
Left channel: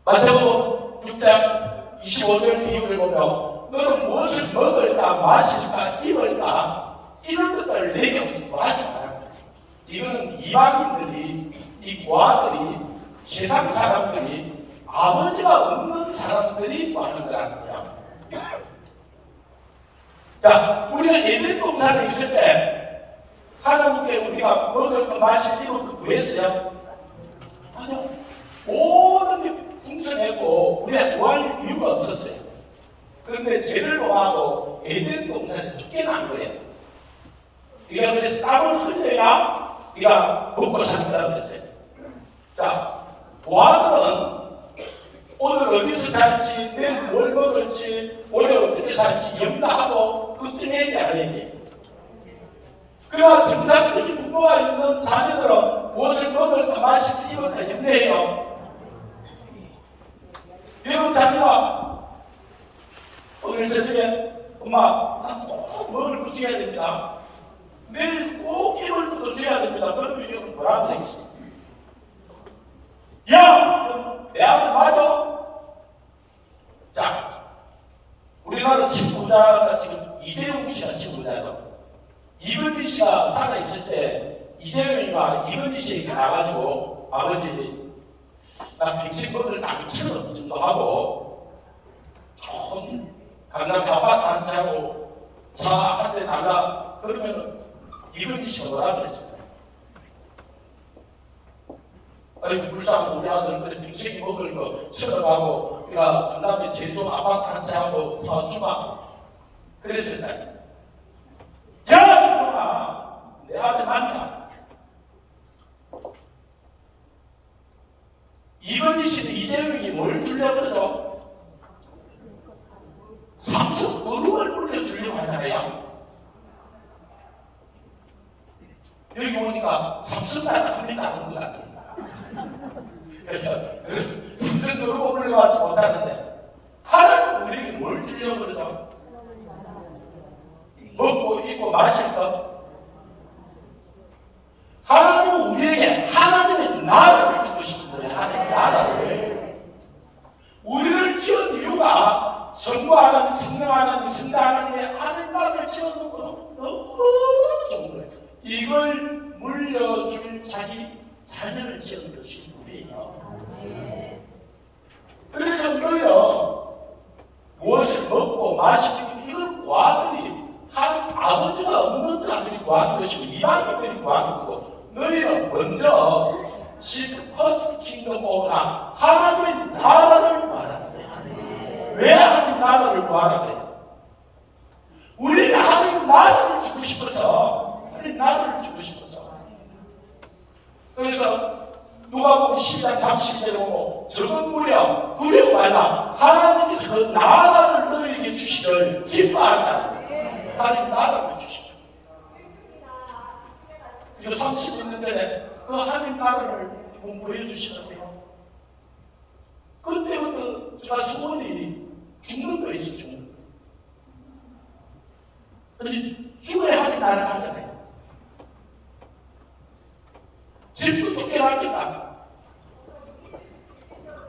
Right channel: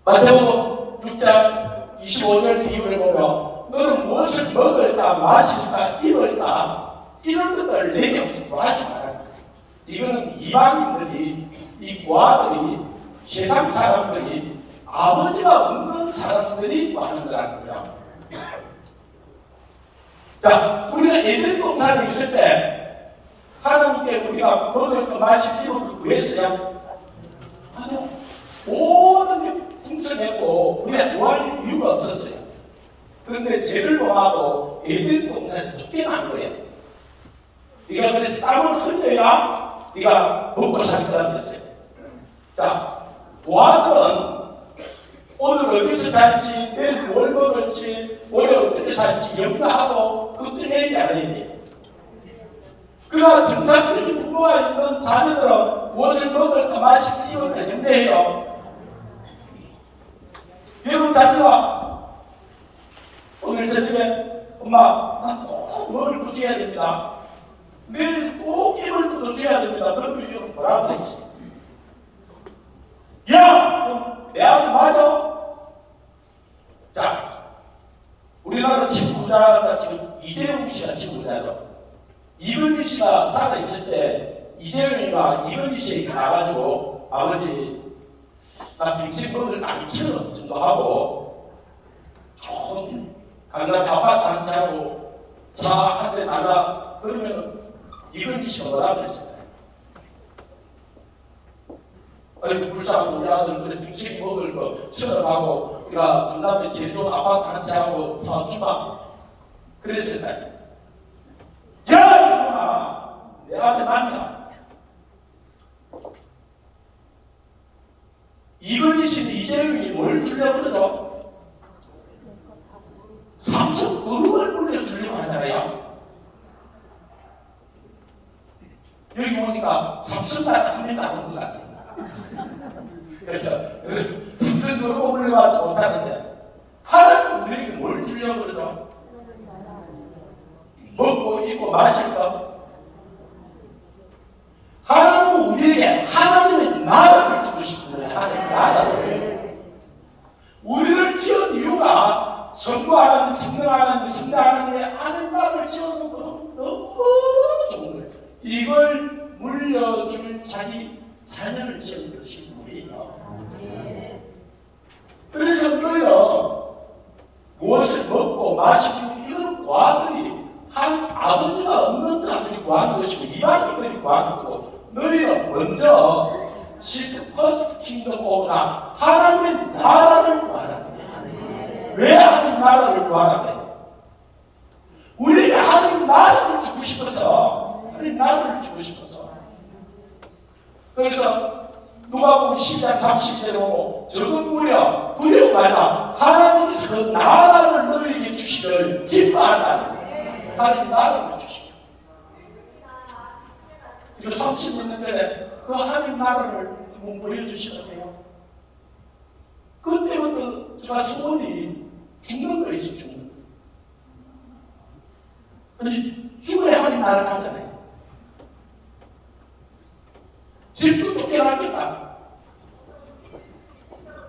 마태복음 6장 25절 이후를 보면 너는 무엇을 먹을까 마실까 입을까 이런 것들 내게 무슨 하지 마라. 이거는 이방인들이 이 고아들이 세상 사람들이 아버지가 없는 사람들이 하는 거라는 거야. 자, 우리가 예전 동산에 있을 때 하나님께 우리가 먹을 거 마실 필요를 구했어요. 모든 게 풍성했고 우리가 구할 이유가 없었어요. 그런데 죄를 범하고 에덴 동산에 쫓겨난 거예요. 네가 그래서 땀을 흘려야 네가 먹고 산다고 했어요. 자, 부하들은 오늘 어디서 살지, 내일 뭘 먹을지, 올해 어떻게 살지 염려하고 걱정해야 게 아니에요. 그러나 정상적인 부모가 있는 자녀들은 무엇을 먹을까 마실까 입을까 염려해요. 여러분 자녀가 오늘 저녁에 엄마 뭘 드셔야 됩니다. 내일 꼭 입을 것도 줘야 됩니다. 그러면 이거 뭐라고 했어? 야! 내 아들 맞아? 자, 우리나라 지부자가 지금 이재용 씨가 지부자예요. 이건희 씨가 살아있을 때 이재용이가 이건희 씨에게 나가지고 아버지 나 빅치버들 안 키우는 정도 하고 좀 강남 아파트 한 채 하고 차 한 대 나가 그러면 이건희 씨가 뭐라고 했을까요? 아니 불쌍한 우리 아들 그래 빅치기 먹을 거 쳐다가고 우리가 강남에 제일 좋은 아파트 한 채 하고 사주마 그랬을까요? 야! 사람한테 만나. 이건희 씨는 이재용이 뭘 주려고 그러죠? 삼성 그룹을 불려주려고 하잖아요. 여기 보니까 삼성만 한 명도 안 오는 것 같아요. 그래서 삼성 그룹을 올려가지 못하는데 하나는 우리에게 뭘 주려고 그러죠? 먹고 입고 마실 것. 하나님은 우리에게 하나님의 나라를 주고 싶은 거예요. 하나님의 나라를. 우리를 지은 이유가 선거하는, 승리하는, 승리하는 하나님 나라를 지어놓은 것은 너무 좋은 거예요. 이걸 물려줄 자기 자녀를 지은 것이 우리예요. 그래서 너요 무엇을 먹고 마시고 이런 과들이 한 아버지가 없는 자들이 구하는 것이고 이방인들이 구하는 거고 너희는 먼저 seek first kingdom of God 하나님의 나라를 구하라는 거야. 왜 하나님 나라를 구하라는 거야? 우리가 하나님 나라를 주고 싶어서 하나님 나라를 주고 싶어서 그래서 누가복음 12장 30절에 보고 적은 무려 두려워 말라 하나님께서 그 나라를 너희에게 주시기를 기뻐한다. 하나님 나라를 주시고 그리고 30년 전에 그 하나님 나라를 한번 보여주시는데요. 그때부터 제가 소원이 죽는 거 있어요. 죽는 거. 아니 죽어야 하나님 나라를 가잖아요. 집도 쫓겨나니까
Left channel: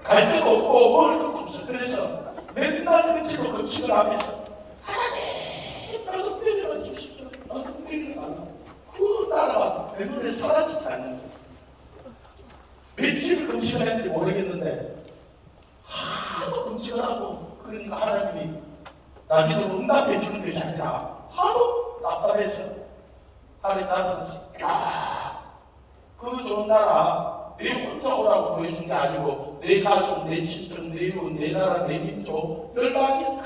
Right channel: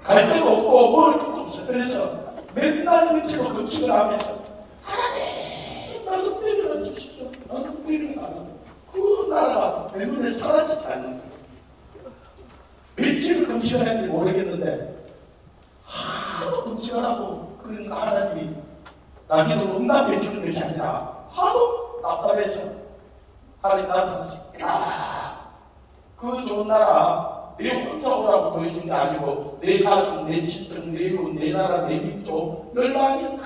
갈 데도 없고 먹을 것도 없어. 그래서 맨날 며칠로 금식을 하면서 하나님 나 좀 때려 주십시오. 나 좀 때려. 그 나라가 내 눈에 사라지지 않는 거예요. 며칠을 금식을 했는지 모르겠는데 하도 금식을 하고 그러니까 하나님이 나기도 응답해 주는 것이 아니라 하도 답답해서 하나님 나라는 그 좋은 나라 내 혼자 오라고 보여준 게 아니고 내 가족, 내 친척, 내 이웃, 내 나라, 내 민족 열방이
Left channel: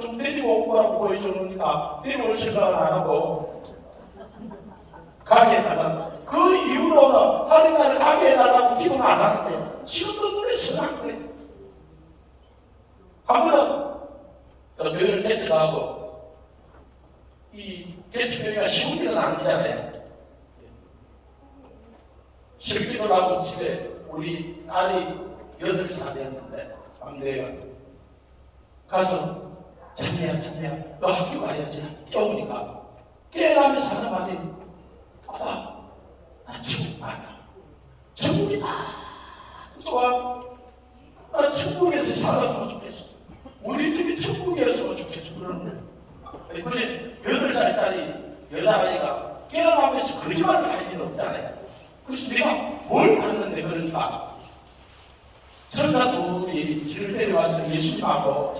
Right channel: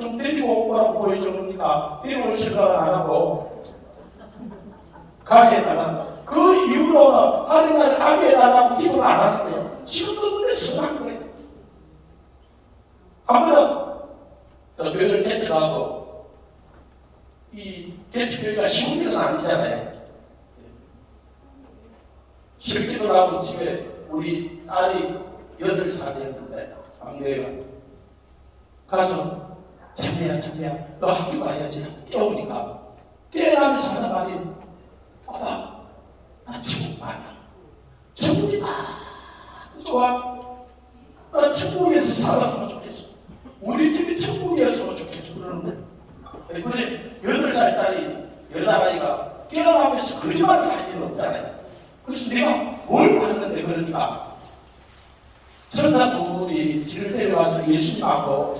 좀 데리고 오라고 보여주니까 데리고 생각을 안 하고 가게 해달라고 그 이후로는 하나님 나라를 가게 해달라고 기도는 안 하는데요. 지금도 눈에 선한 거예요. 한 번은 교회를 개척하고 이 개척교회가 쉬운 일은 아니잖아요. 실기도 하고 집에 우리 딸이 8살이었는데 막내가 가서 자매야 너 학교 가야지 깨우니까 깨어나면서 하는 말이 아빠 나 천국 가야 천국이 좋아 나 천국에서 살았으면 좋겠어 우리 집이 천국이었으면 좋겠어 그래 8살짜리 여자아이가 깨어나면서 거짓말을 할 일은 없잖아요. 그래서 내가 뭘 봤는데 그러니까 천사들이 지를 데려와서 예수님하고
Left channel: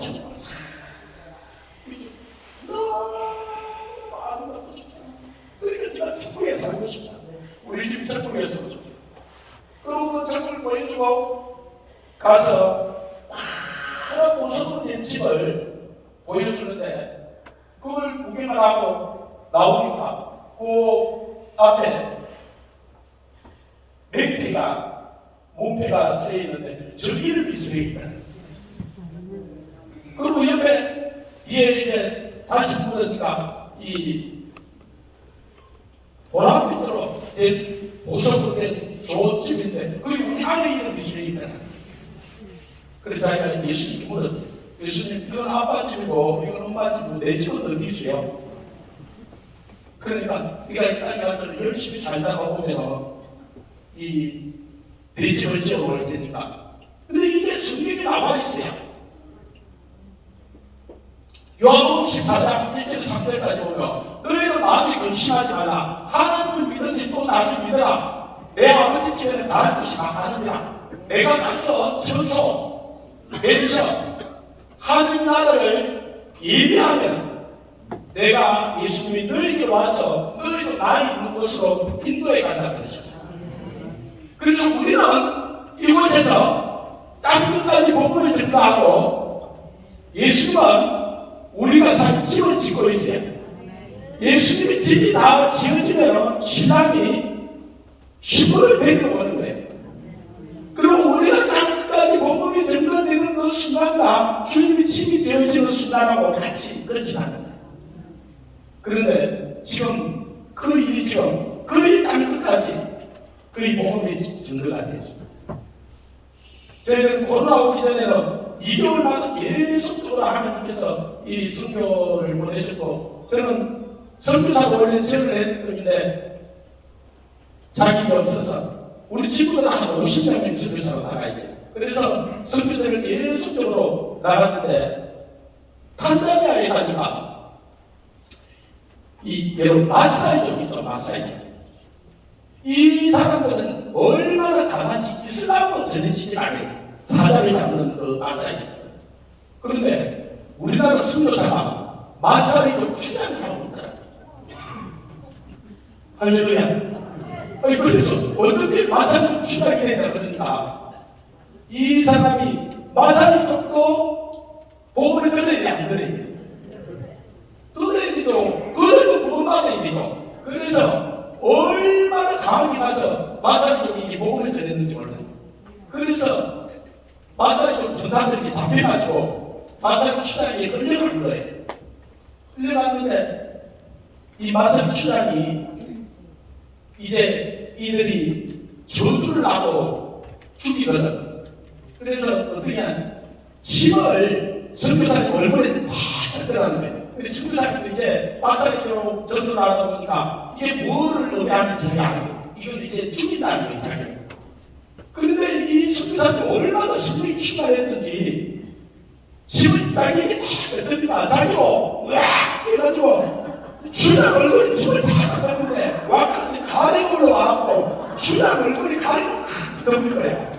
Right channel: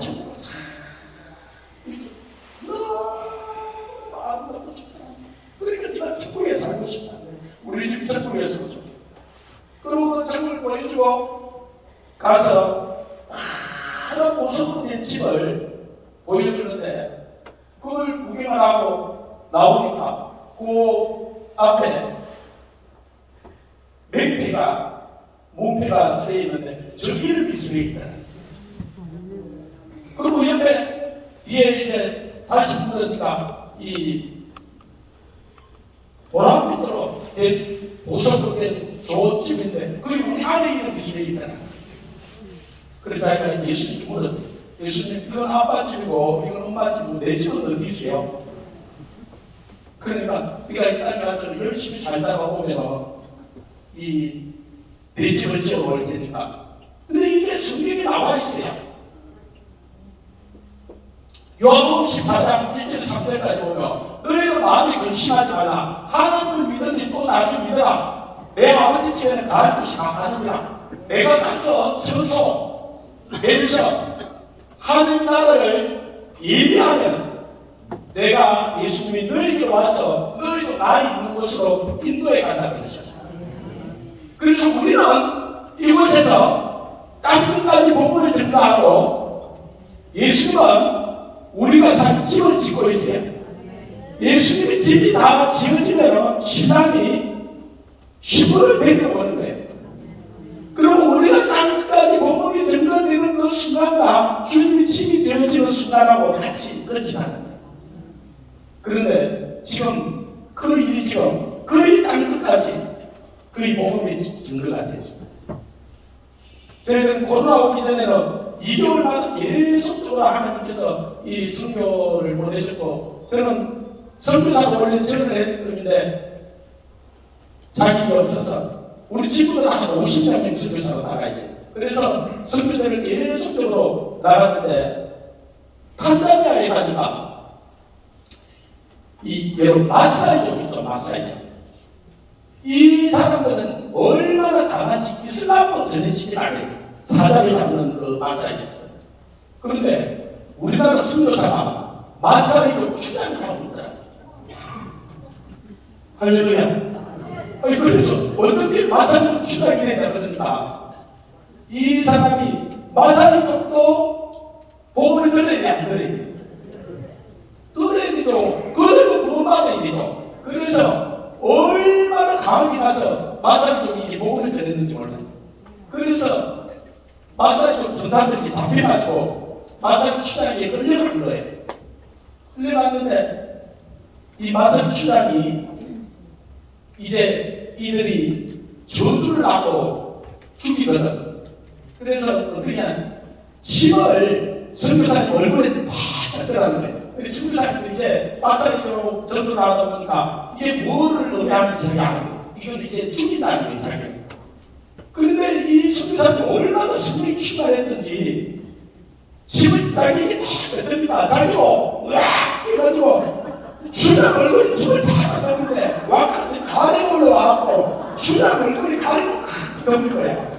너무 아름답고 좋다. 그러니까 제가 천국에 살고 싶다. 우리 집 천국에 살고 싶다. 그리고 그 천국을 보여주고 가서 파란 보석으로 된 집을 보여주는데 그걸 구경을 하고 나오니까 그 앞에 맹패가 문패가 쓰여 있는데 저 이름이 쓰여 있다. 그리고 옆에 뒤에 이제 다시 보니까 이 보라빛으로 된 보석으로 된 좋은 집인데 그게 우리 아내 이름이 쓰여 있다. 그래서 자기가 예수님 물은 예수님 이건 아빠 집이고 이건 엄마 집이고 내 집은 어디 있어요? 그러니까 네가 이 땅에 가서 열심히 살다가 오면 이 내 집을 지어올 테니까. 근데 이게 성경에 나와 있어요. 요한복음 14장 1절 3절까지 오면 너희는 마음이 근심하지 마라. 하나님을 믿으니 또 나를 믿어라. 내 아버지 집에는 가는 곳이 많으니라. 내가 가서 서서 내셔 하나님 나라를 예비하면 내가 예수님이 너희에게 와서 너희도 나 있는 곳으로 인도해 간다고 하셨어요. 그래서 우리는 이곳에서 땅끝까지 복음을 전가하고 예수님은 우리가 살 집을 짓고 있어요. 예수님이 집이 다 지어지면 신랑이 시골을 데리고 오는 거예요. 그리고 우리가 땅까지 복음이 전달되는 그 순간과 주님이 집이 지어지는 순간하고 같이 끝이나는 거예요. 그런데 지금 그 일이 지금 거의 땅끝까지 거의 복음이 증거가 됐습니다. 저희는 코로나 오기 전에는 2개월마다 계속적으로 하나님께서 이 선교를 보내셨고, 저는 선교사가 원래 책을 했는데 자격이 없어서 우리 친구들 한 50명의 선교사로 나가 있어요. 그래서 선교사를 계속적으로 나갔는데 탄자니아에 가니까 이 여러분 마사이족 있죠, 마사이족. 이 사람들은 얼마나 강한지 이슬람으로 전해지지 않아요. 사자를 잡는 그 마사이족. 그런데 우리나라 선교사가 마사이족 추장을 하고 있더라. 할렐루야. 그래서 어떻게 마사이족 추장이 되냐 그러니까 이 사람이 마사이족도 복음을 들어야 안 들어야 돼. 들어야죠. 그래도 무엇만해야 되죠. 그래서 얼마나 강하게 가서 마사이족이 복음을 전했는지 몰라요. 그래서 마사이족 전사들이 잡혀가지고 마사이족 추장에 끌려간 거예요. 끌려갔는데 이 마사이족 추장이 이제 이들이 저주를 하고 죽이거든. 그래서 어떻게 하냐, 침을 선교사님 얼굴에 팍 뱉더라는 거예요. 선교사님도 이제 마사이족으로 전도 나가다 보니까 이게 뭐를 의미하는지 잘 알고 이건 이제 죽인다는 거예요, 자기. 그런데 이 선교사님이 얼마나 승리를 출발했는지 침을 자기에게 다 뱉으니까 자기도 으악 뛰어가지고 주장 얼굴에 침을 다 뱉었는데 왕한테 가리고 올라와갖고 주장 얼굴에 가리고 칵 덮는 거야.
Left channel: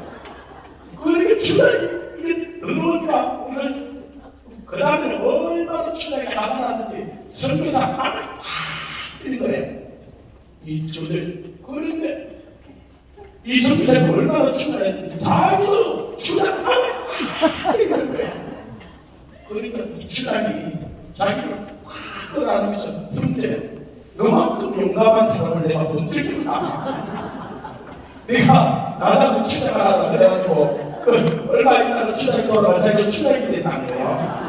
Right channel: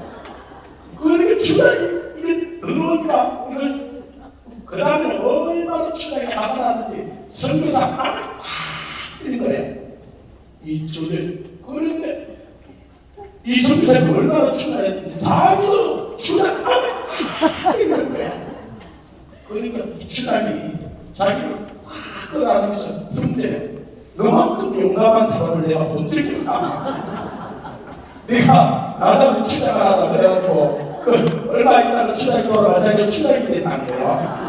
그러니까 주장이 이게 더러우니까 이걸 그 다음에 얼마나 주장이 가만하는지 선교사 안을 팍 때린 거예요. 이 주를. 그런데 이 선교사가 얼마나 출발했는지 자기도 주장 안을 팍 때리는 거야. 그러니까 이 주장이 자기를 팍 끌어안으면서 형제 너만큼 용감한 사람을 내가 본 적이 없다. 내가 나가는 주장을 하라 그래가지고 그 얼마 있다가 주장이 돌아와 자기가 주장이 됐다는 거예요.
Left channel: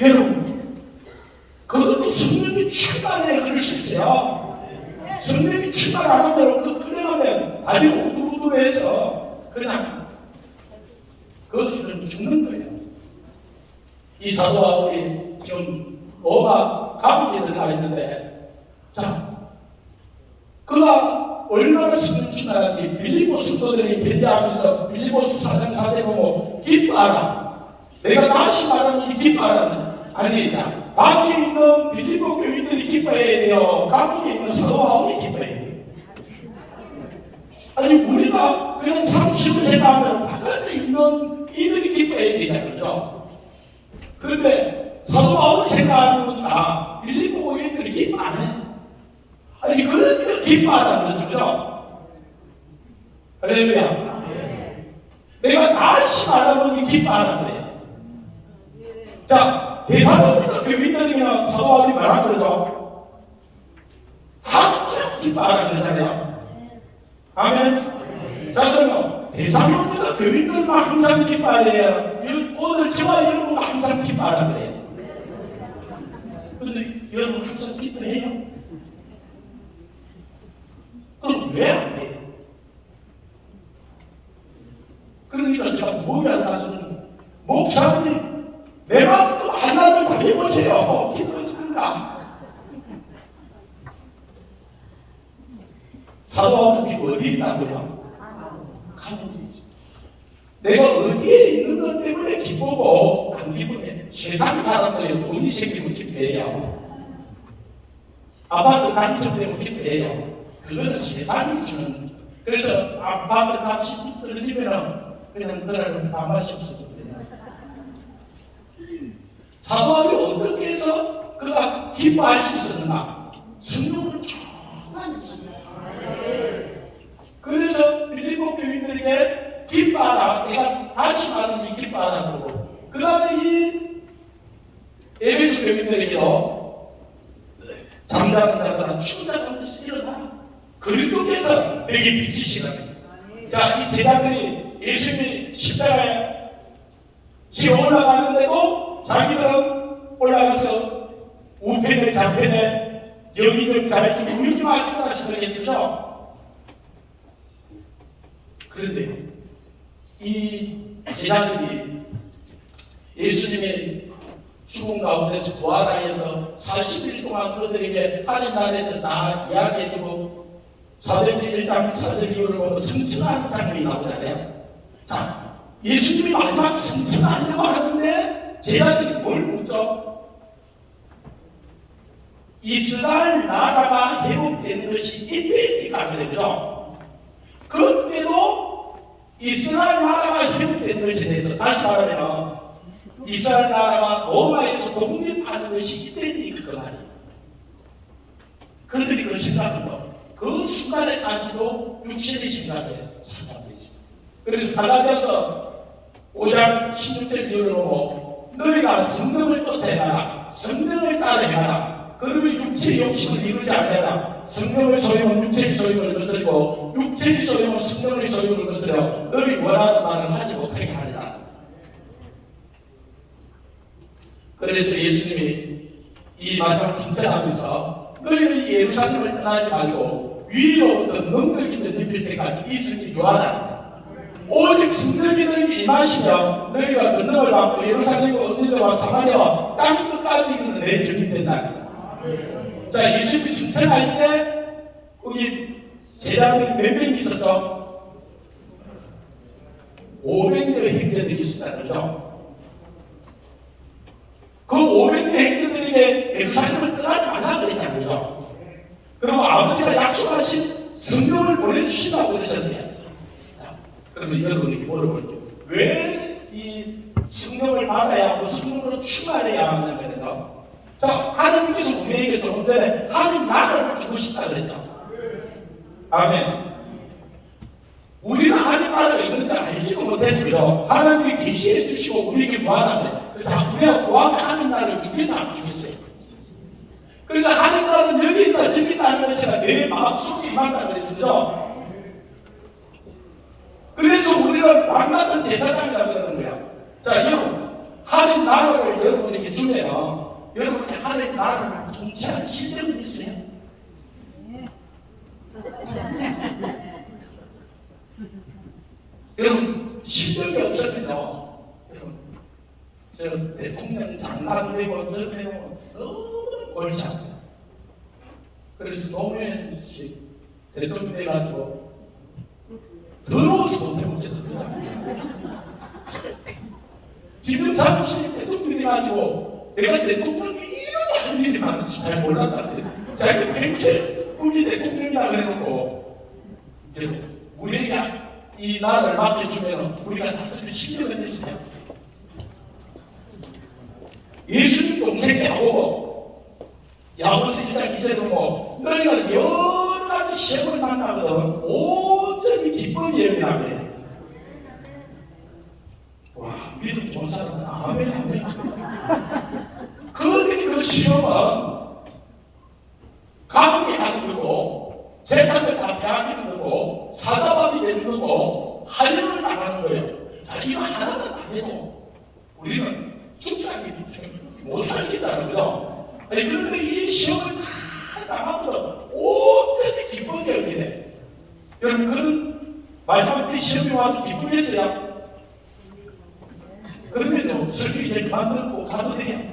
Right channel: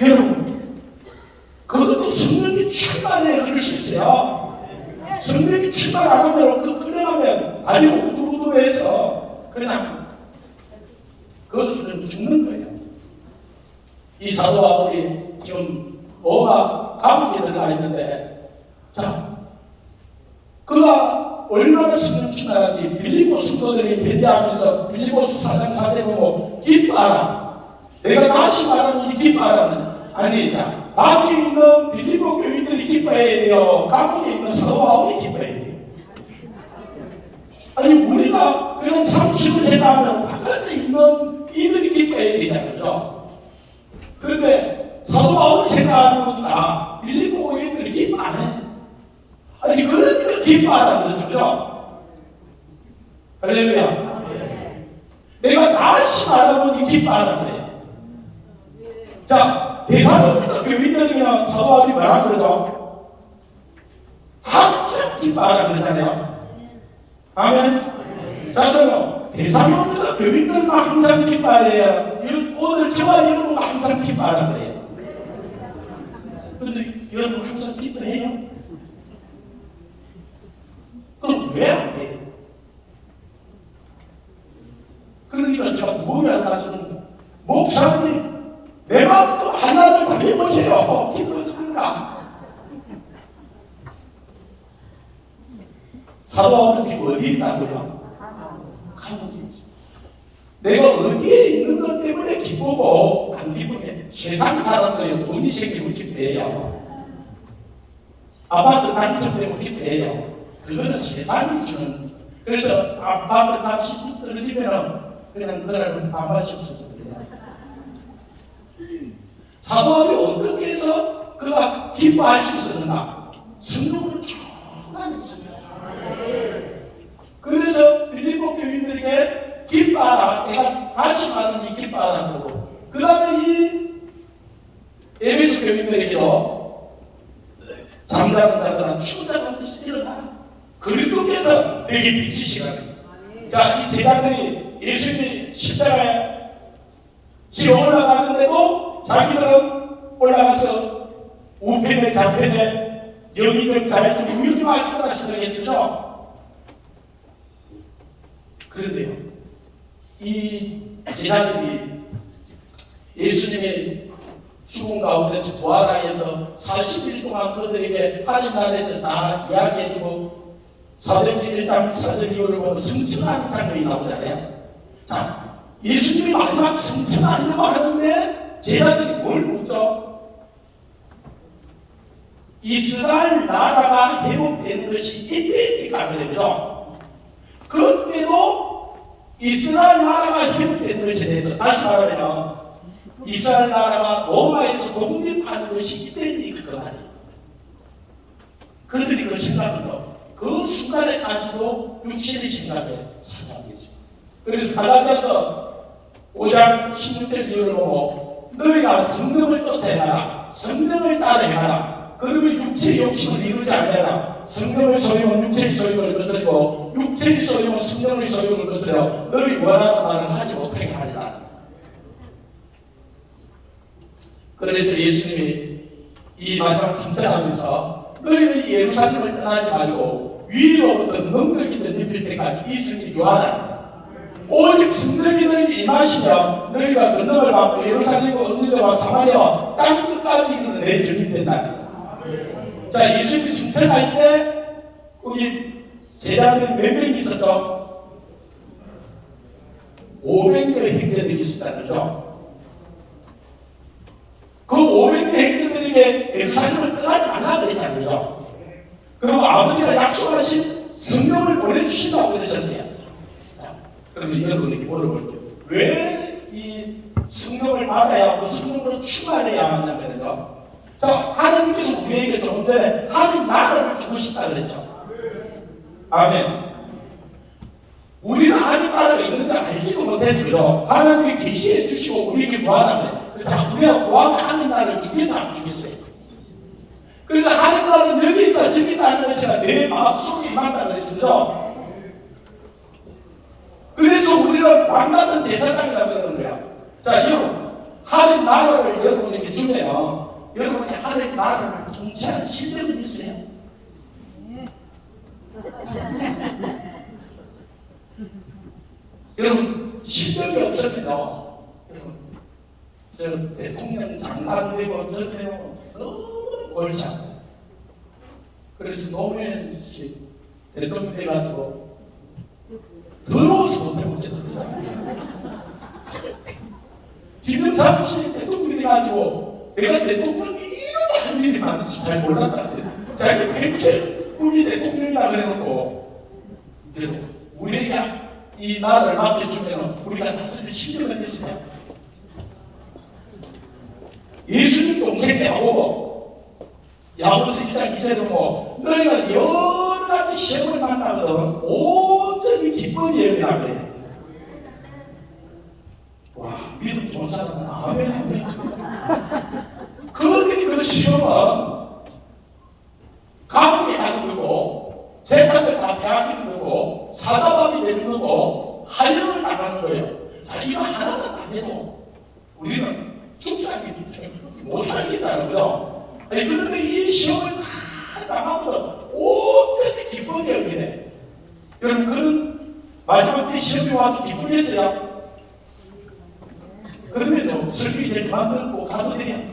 여러분, 그것도 성령이 출발해 그럴 수 있어요. 성령이 출발 안 하면 그 끝내가면 다리 우두두두해서 그냥 그것을 죽는 거예요. 이 사도와 우리 지금 뭐가 감옥에 들어가 있는데, 자, 그가 얼마나 성령 출발하는지 빌립보 성도들이 배제하면서 빌립보서 4장 4절에 보고 기뻐하라. 내가 다시 말하는 이 기뻐하라는 아니다. 밖에 있는 빌립보 교인들이 기뻐해야 돼요. 감옥에 있는 사도 바울이 기뻐해야 돼요. 아니 우리가 그런 상식을 생각하면 바깥에 있는 이들이 기뻐해야 되잖아요. 그런데 사도 바울이 생각하면 다 빌립보 교인들이 기뻐 안 해. 아니 그러니까 기뻐하라는 거죠. 할렐루야. 내가 다시 말하면 기뻐하라는 거예요. 자, 대사로부터 교인들이면 사도 바울이 뭐라 그러죠? 항상 기뻐하라 그러잖아요. 아멘. 자, 그러면 대사로부터 교인들만 항상 기뻐하래요. 오늘 저와 여러분 항상 기뻐하라 그래요. 근데 여러분 항상 기뻐해요? 그럼 왜 안 해요? 그러니까 제가 뭐를 하시면 목사님 내 마음도 하나님 바뀌어보세요. 기뻐집니다. 사도하면 지금 어디에 있다고요? 감옥이지. 내가 어디에 있는 것 때문에 기쁘고 안 기쁘게 세상 사람들이 돈이 생기면 기뻐해요. 아파트 당첨되면 기뻐해요. 그거는 세상이 주는. 그래서 아파트 값이 떨어지면 그냥 그날은 밥 마셨어요. 사도하기 어떻게 해서 그가 기뻐할 수 있었나? 성령으로 충만히 있습니다. 그래서 빌립보 교인들에게 기뻐하라. 내가 다시 말하는 기뻐하라 그러고, 그 다음에 이 에베소 교인들에게도 잠자는 자들은 죽는다는 뜻이 일어나. 그리스도께서 내게 비치시거든. 자, 이 제자들이 예수님이 십자가에 지어 올라가는데도 자기들은 올라가서 우편에 좌편에 여기저기 자기 우유만 하시도록 했죠. 그런데요, 이 제자들이 예수님이 죽은 가운데서 부활하여서 40일 동안 그들에게 하나님 나라에서 다 이야기해주고 사도행전 1장 사도행 이후를 보면 성천하는 장면이 나오잖아요. 자, 예수님이 마지막 성천하려고 하는데 제자들이 뭘 묻죠? 이스라엘 나라가 회복된 것이 이때니까 그랬죠. 그때도 이스라엘 나라가 회복된 것에 대해서 다시 말하면 이스라엘 나라가 로마에서 독립하는 것이 이때니까 그 말이에요. 그들이 그 생각은요, 그 순간에까지도 육신의 생각에 찾아온 거지. 그래서 갈라디아서 5장 16절 이후를 보고 너희가 성령을 쫓아내라, 성령을 따라해라. 그러면 육체의 욕심을 이루지 않아라. 성령의 소용은 육체의 소용을 거스르고 육체의 소용은 성령의 소용을 거스려 너희 원하는 말을 하지 못하게 하리라. 그래서 예수님이 이 마지막 승천하면서 너희는 예루살렘을 떠나지 말고 위로부터 능력이 더 입힐 때까지 있으니 유하라. 오직 성령이 너희에게 임하시면 너희가 권능을 받고 예루살렘과 언니와 사마리아와 땅 끝까지 이르는 내 증인 된다. 자, 예수님이 승천할 때 거기 제자들이 몇 명이 있었죠? 500명의 형제들이 있었다는 거죠. 그 500명의 형제들에게 예루살렘을 떠나지 말라고 했잖아요. 그럼 아버지가 약속하신 성령을 보내주신다고 그러셨어요. 그러면 여러분에게 물어볼게요. 왜 이 성령을 받아야 하고 성령으로 충만해야 하냐면요. 자, 하나님께서 우리에게 조금 전에 하나님 나라를 주고 싶다 그랬죠. 아멘. 우리는 하나님 나라가 있는 줄 알지도 못했어요. 하나님이 계시해 주시고 우리에게 무한하면 자, 우리가 무한한 하나님 나라를 주께서 안 주겠어요. 그러니까 하나님 나라는 여기 있다 저기 있다는 것이 아니라 내 마음속에 임한다고 그랬어요. 그래서 우리는 왕같은 제사장이라고 그러는 거야. 자, 여러분, 하나님 나라를 여러분에게 주면 여러분이 하나님 나라를 통치할 실력이 있어요? 여러분, 실력이 없습니다. 여러분, 저 대통령 장관되고 저되고 너무 골치 아파요. 그래서 노무현 씨 대통령 돼가지고 더러워서 못해보겠다. 지금 잠시 대통령이 돼가지고 내가 대통령이 이렇게 한 일이 많은지 잘 몰랐다는데 자기가 백세 우리 대통령이라 그래놓고 우리가 이 나라를 맡겨주면 우리가 다스릴 실력은 있으냐. 예수님 동생 야고보서 2장 2절에 보면 너희가 여러 가지 시험을 만나거든 온전히 기쁨이 여기라고 해. 와, 믿음 좋은 사람은 아멘. 그들이 그 시험은 감옥에 가는 거고 재산을 다 빼앗기는 거고 사다밥이 되는 거고 할례를 나가는 거예요. 자, 이거 하나도 안 되고 우리는 죽상이기 때문에 못 살겠다는 거죠. 그런데 이 시험을 다 나가면 온전히 기쁨이 여기네. 여러분, 그런 마지막 때 시험이 와도 기쁨했어요? 그러면 설교 이제 그만 듣고 가도 돼요.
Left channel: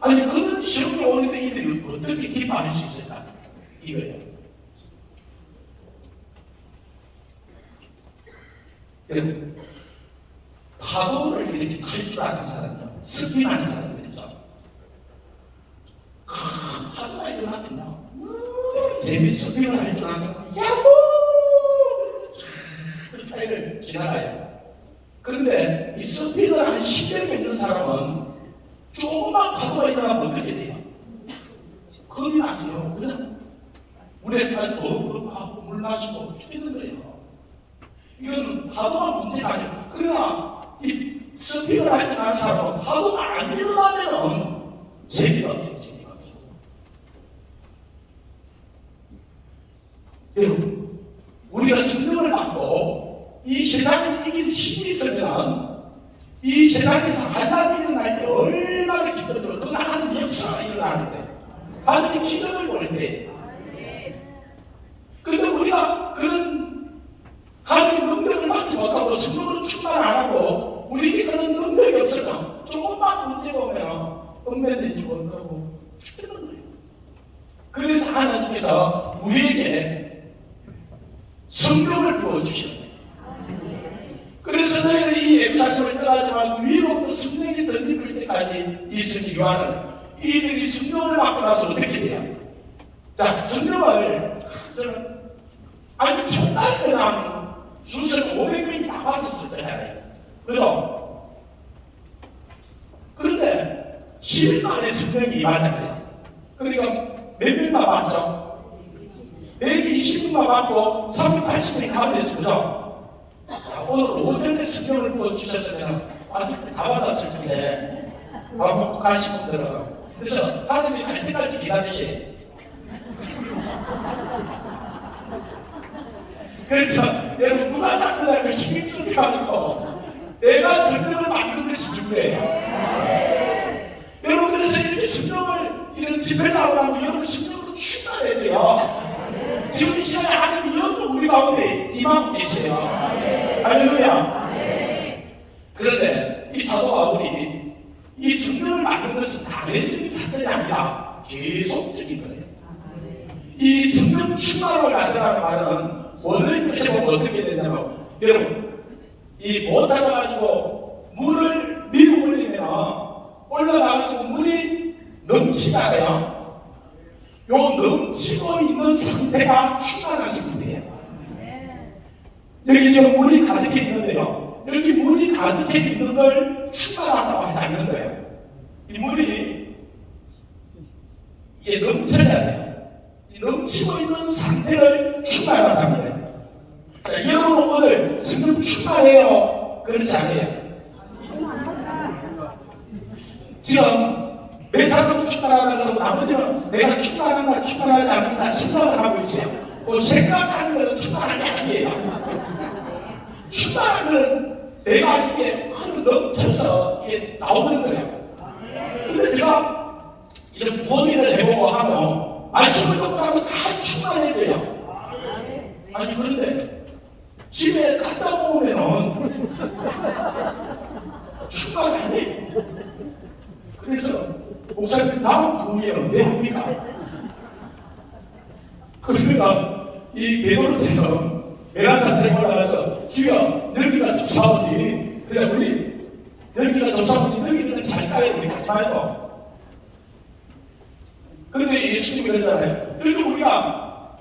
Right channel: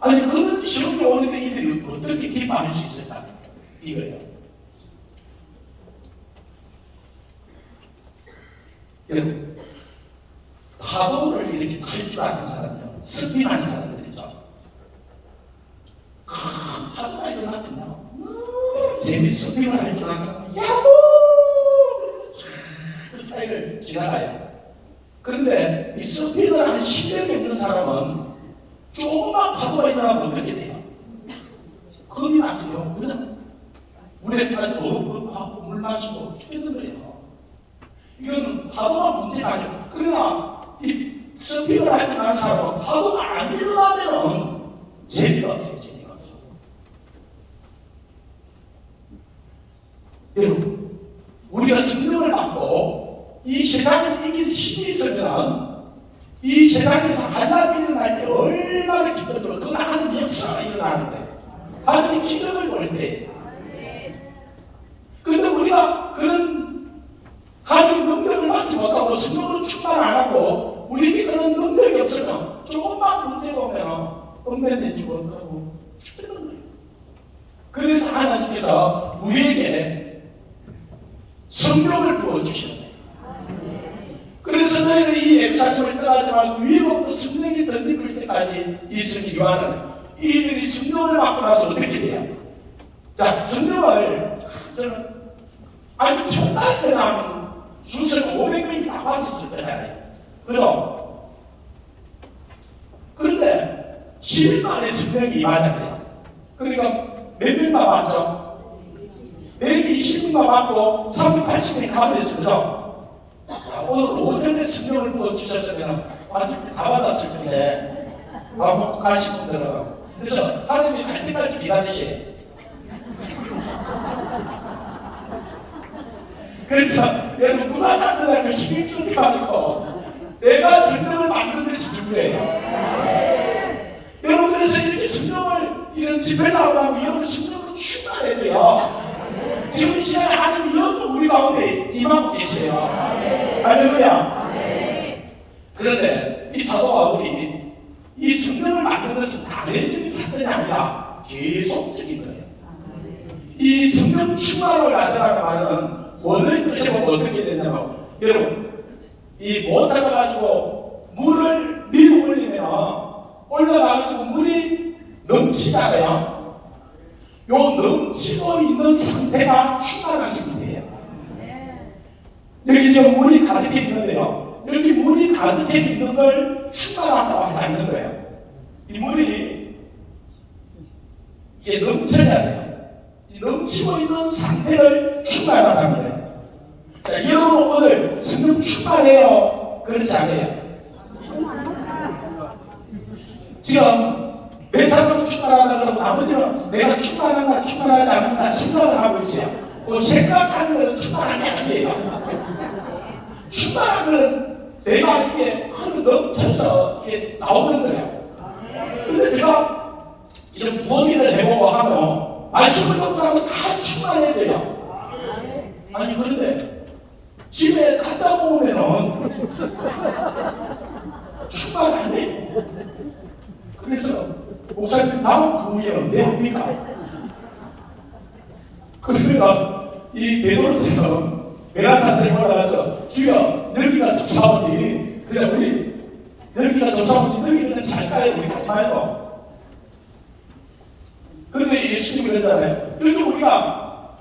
아니, 그런 시험이 오는데 이들이 어떻게 기뻐할 수 있을까? 이거예요. 여러분, 파도를 이렇게 탈 줄 아는 사람은 스피하는 사람들이죠. 큰 파도가 일어났구나. 재밌어 스피를 할 줄 아는 사람, 야호! 그 사이를 지나가요. 그런데 이 스피를 한 실력이 있는 사람은 조금만 파도가 일어나면 어떻게 돼요? 겁이 났어요. 그냥 물에 빠지고 얼어버리고 물 마시고 죽겠는 거예요. 이건 파도가 문제가 아니에요. 그러나 이 스피를 할 줄 아는 사람은 파도가 안 일어나면 재미가 없어요. 재미가 없어요. 여러분, 우리가 성령을 받고 이 세상을 이길 힘이 있으면 이 세상에서 하나님이 일어날 때 얼마나 기쁨으로 그 나가는 역사가 일어나는데 하나님의 기도를 볼 때. 근데 우리가 그런 하나님 능력을 받지 못하고 성령으로 충만 안 하고 우리에게 그런 능력이 없으면 조금만 문제 보면 읍면된지 모르고 죽는 거예요. 그래서 하나님께서 우리에게 성령을 부어주시오. 그래서 너희는 이 예루살렘을 떠나지만 위로부터 성령이 덧입을 때까지 있으니 요한은 이들이 성령을 받고 나서 어떻게 돼요? 자, 성령을 저는 아주 정말 그냥 수술 500명이 다 봤었을 거잖아요. 그죠? 그런데 10일 만에 성령이 임하잖아요. 그러니까 몇 명만 봤죠? 매일 20명만 받고 380명이 가버렸어요. 그죠? 오늘 오전에 성령을 부어주셨으면 왔을 때 다 받았을 텐데 밥 먹고 가신 분들은 그래서 하나님이 갈 때까지 기다리시. 그래서 내가 누가 만들다 그 신경 쓰지 말고 내가 성령을 만든 것이 중요해요. 여러분 그래서 이렇게 성령을 이런 집회 나오라고 여러분 성령으로 충만해야 돼요. 지금 이 시간에 하나님 여러분 우리 가운데 임하고 계세요. 할렐루야. 그런데 이 사도 바울이 이 성령을 만든 것은 단회적인 사건이 아니라 계속적인 거예요. 이 성령 충만을 가져라는 말은 원어의 뜻이 어떻게 되냐면 여러분 이 모터를 가지고 물을 밀어 올리면 올라가가지고 물이 넘치잖아요. 요 넘치고 있는 상태가 충만한 상태예요. 여기 지금 물이 가득해 있는데요. 여기 물이 가득해 있는 걸 충만하다고 하지 않는 거예요. 이 물이 이게 넘쳐야 돼요. 이 넘치고 있는 상태를 충만하다는 거예요. 자, 여러분 오늘 성령 충만해요? 그렇지 않아요? 지금 몇 사람은 충만하다 그러고 나머지는 내가 충만한가 충만하지 않는가 생각을 하고 있어요. 그 생각하는 것은 충만한 게 아니에요. 충만한 것은 내가 이게 흐르 넘쳐서 이게 나오는 거예요. 근데 제가 이런 부어일을 해보고 하면 말씀을 듣고 나면 다 충만해져요. 아니 그런데 집에 갔다 오면은 충만 안 해요. 그래서 목사님 다음 그 후에 언제 합니까? 그러면 이 베드로처럼 메라산에 올라가서 주여 너희가 조사오니 그래 우리 너희가 조사오니 너희는 잘 가요 우리 하지 말고. 그런데 예수님이 그러잖아요. 너희 우리가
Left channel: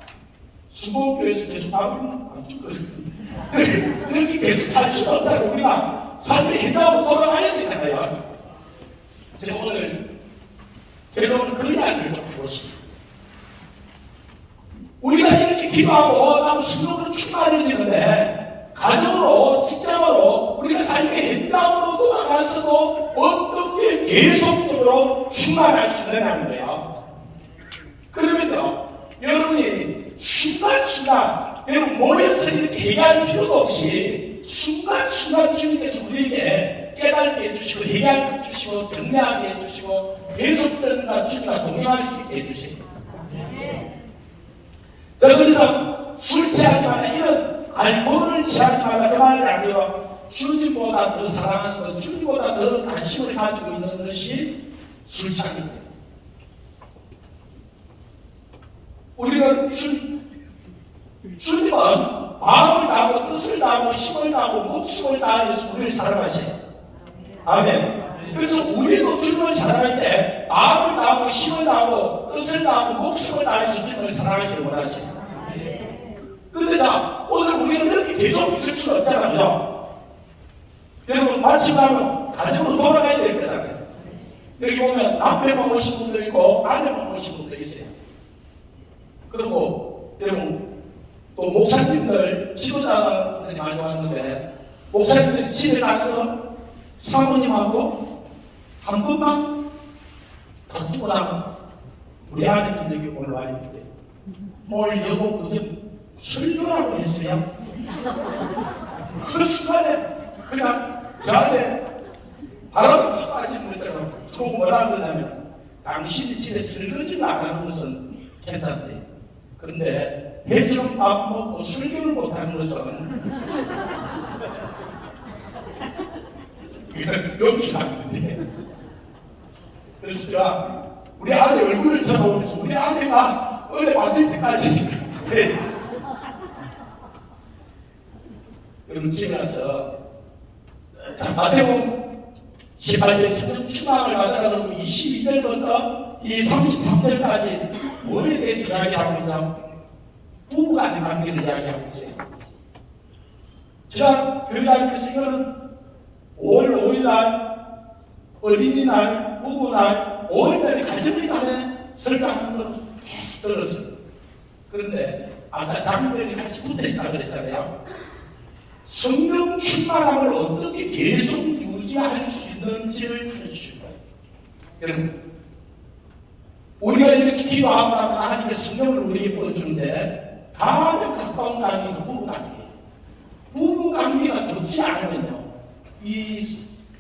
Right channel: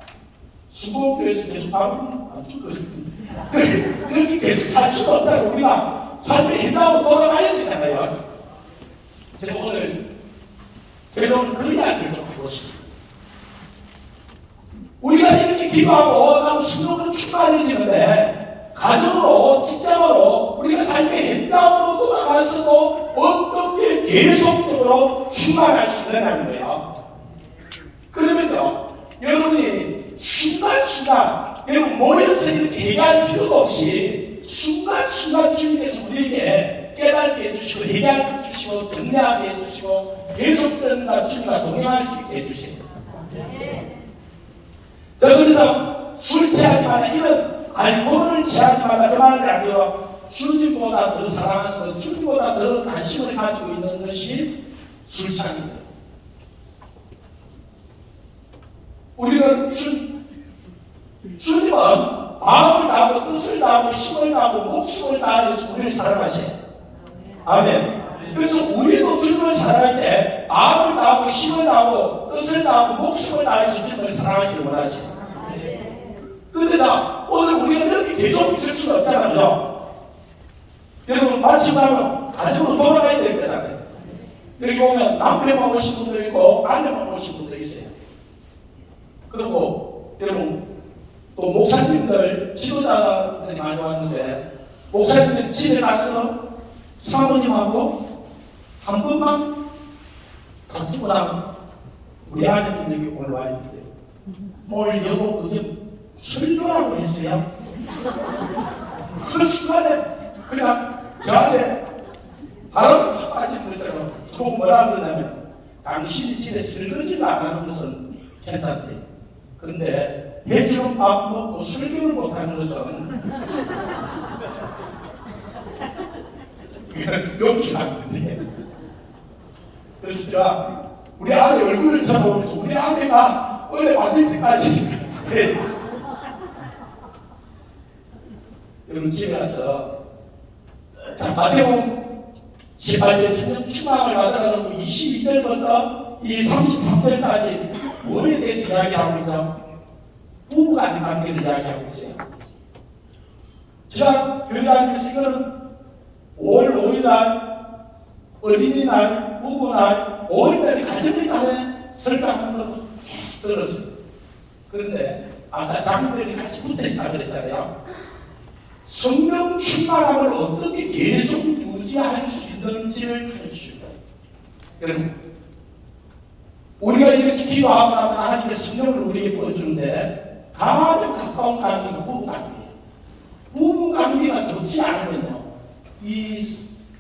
수고교에서 계속 하면 안 죽거든요. 너희 계속 살 수가 없잖아요. 우리가 삶의 행동으로 돌아가야 되잖아요. 제가 오늘 그 이야기를 좀 하고 싶습니다. 우리가 이렇게 기도하고 나무 성령으로 충만해지는데 가정으로 직장으로 우리가 삶의 현장으로도 나가서도 어떻게 계속적으로 충만할 수 있느냐는 거예요. 그러면요 여러분이 순간순간 여러분 모여서 이렇게 얘기할 필요도 없이 순간순간 주님께서 우리에게 깨닫게 해주시고 얘기하게 해주시고 정리하게 해주시고 계속된다 주님과 동행할 수 있게 해주시고. 자 그래서 술 취하지 말라 이런 알코올을 취하지 말라 그 말이 아니라 주님보다 더 사랑하는 것 주님보다 더 관심을 가지고 있는 것이 술 취합니다. 우리는 주님은 마음을 다하고 뜻을 다하고 힘을 다하고 목숨을 다해서 우리를 사랑하셔요. 아멘. 그래서 우리도 주님을 사랑할 때 마음을 다하고 힘을 다하고 뜻을 다하고 목숨을 다해서 주님을 사랑하기를 원하시죠. 근데 자 오늘 우리가 이렇게 계속 있을 수는 없잖아요. 그죠? 여러분 마침 가면 가정으로 돌아가야 될 거잖아요. 여기 보면 남편만 오신 분들 있고 아내만 오신 분들 있어요. 그리고 여러분 또 목사님들 지도자들이 많이 왔는데 목사님들 집에 가서 사모님하고 한 번만 가끔은 우리 아내는 여기 올라와 있는데 오늘 여보 그게 설교라고 했어요. 그 순간에 그냥 저한테 바람 빠진 것처럼 또 뭐라 그러냐면 당신이 집에 설거지를 안 하는 것은 괜찮대. 근데 해주는 밥 먹고 설교를 못하는 것은 이건 용서 안 돼. 그래서 제가 우리 아내 얼굴을 쳐다보면서 우리 아내가 원래 받을 때까지 여러분 집에 가서 자 마태복음 18절 성령 충만을 받아가지고 22절부터 이 33절까지 뭐에 대해서 이야기하고 있죠? 부부간의 관계를 이야기하고 있어요. 제가 교회 다니면서 이거는 5월 5일날 어린이날, 부부날, 5월달에 가정의 날에 설교하는 걸 계속 들었어요. 그런데 아까 장면이 같이 붙어있다고 그랬잖아요. 성령 충만함을 어떻게 계속 유지할 수 있는지를 해주시고 여러분 우리가 이렇게 기도하면 하나님의 성령을 우리에게 보여주는데 가장 가까운 관계는 부부관계예요. 부부관계가 좋지 않으면요 이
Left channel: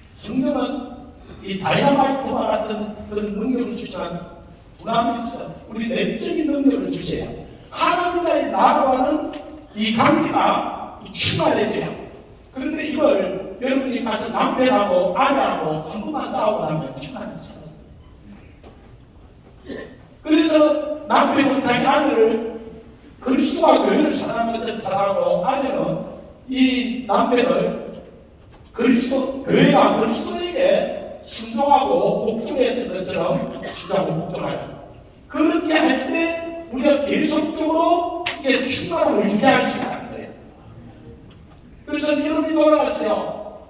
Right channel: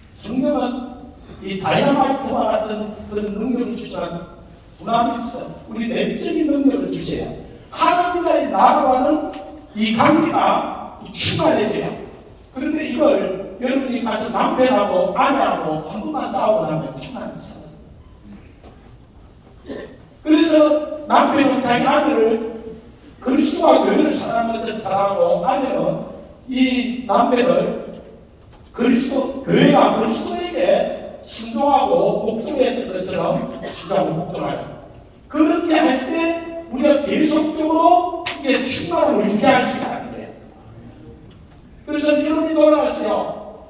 성령은 이 다이나마이트와 같은 그런 능력을 주지만 분함이 있어 우리 내적인 능력을 주세요. 하나님과의 나라와는 이 관계가 충만해져요. 그런데 이걸 여러분이 가서 남편하고 아내하고 한 번만 싸우고 나면 충만해져요. 그래서 남편은 자기 아내를 그리스도와 교회를 사랑하는 것처럼 사랑하고 아내는 이 남편을 그리스도, 교회가 그리스도에게 순종하고 복종했던 것처럼 순종하고 복종하죠. 그렇게 할 때 우리가 계속적으로 이게 충만함을 유지할 수 있다. 그래서 여러분이 돌아갔어요.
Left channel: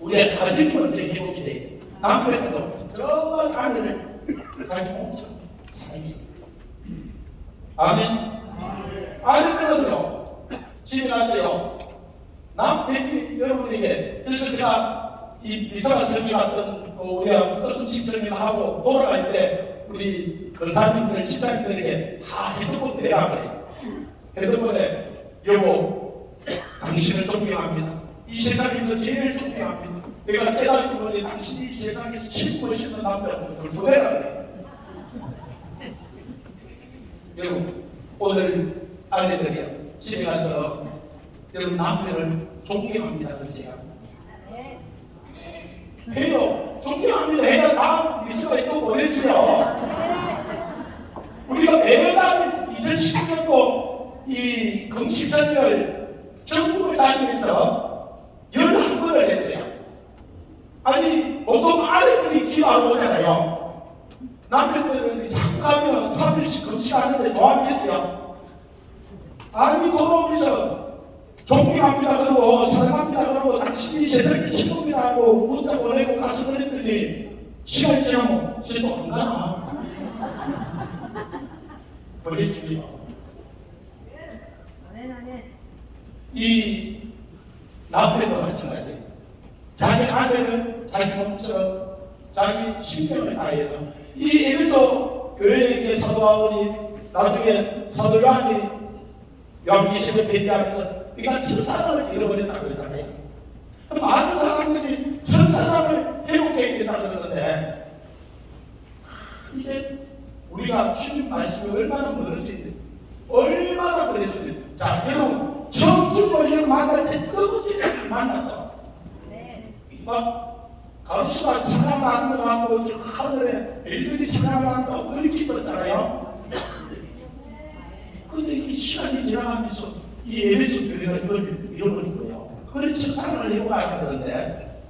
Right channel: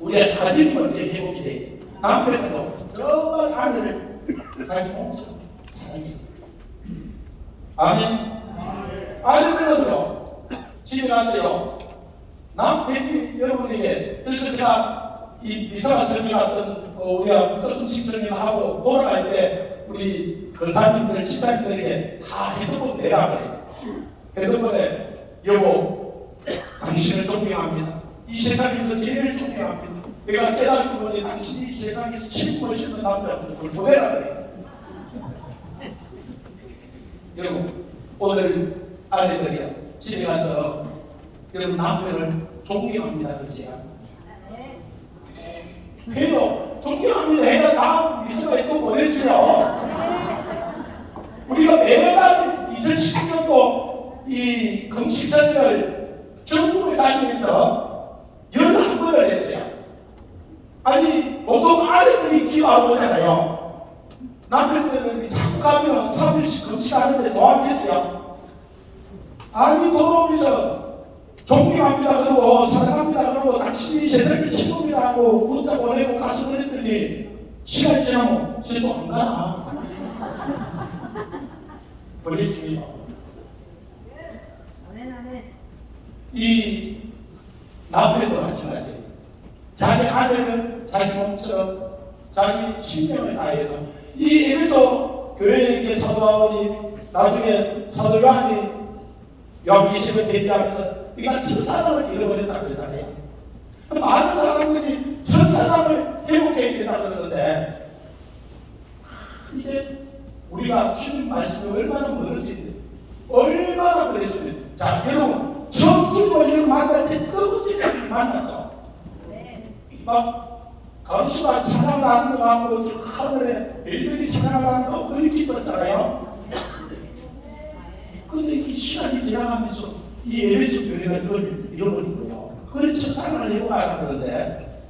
우리가 가정이 먼저 회복이 돼. 남편은 정말 아내를 자기 몸처럼 사랑해요. 아멘. 아내들은요 집에 갔어요. 남편이 여러분에게 그래서 제가 이 미사가 선생님 같은 우리가 끝집 선생님하고 돌아갈 때 우리 권사님들, 집사님들에게 다 핸드폰 내라 그래요. 핸드폰에 여보 당신을 존경합니다. 이 세상에서 제일 존경합니다. 내가 깨닫는 것이 당신이 이 세상에서 제일 멋있는 남자고 그걸 보내라 그래요. 여러분 오늘 아내들이 집에 가서 여러분 남편을 존경합니다 그러지요. 해요. 존경합니다 해야 다음 미스가 이거 보내주죠. 우리가 매달 2019년도 이 금식선을 전국을 다니면서 11번을 했어요. 아니 보통 아내들이 기도하고 오잖아요. 남편들은 자꾸 가면 3일씩 금식하는데 좋아하겠어요. 아니 돌아오면서 존경합니다 그러고 사랑합니다 그러고 당신이 세상의 최고입니다 하고 문자 보내고 가서 그랬더니 시간이 지나면 쟤도 안 가나 보내주기요. 이 남편도 마찬가지예요. 자기 아내를 자기 몸처럼 자기 신경을 다해서 이 에베소 교회에게 사도 바울이 나중에 사도 요한이 요한계시록을 대비하면서 네가 첫사랑을 잃어버렸다 그러잖아요. 그 많은 사람들이 첫사랑을 회복해야 된다 그러는데 이게 우리가 주님 말씀이 얼마나 멀어진데 얼마나 그랬으면 자 여러분 처음 주님을 만날 때 끝까지 만났죠. 막 가로수가 찬양하는 거 하고 하늘에 별들이 찬양하는 거 그리 기뻤잖아요. 근데 이 시간이 지나가면서 이 에베소 교회가 이걸 잃어버린 거예요. 그래 첫사랑을 해봐야 하는데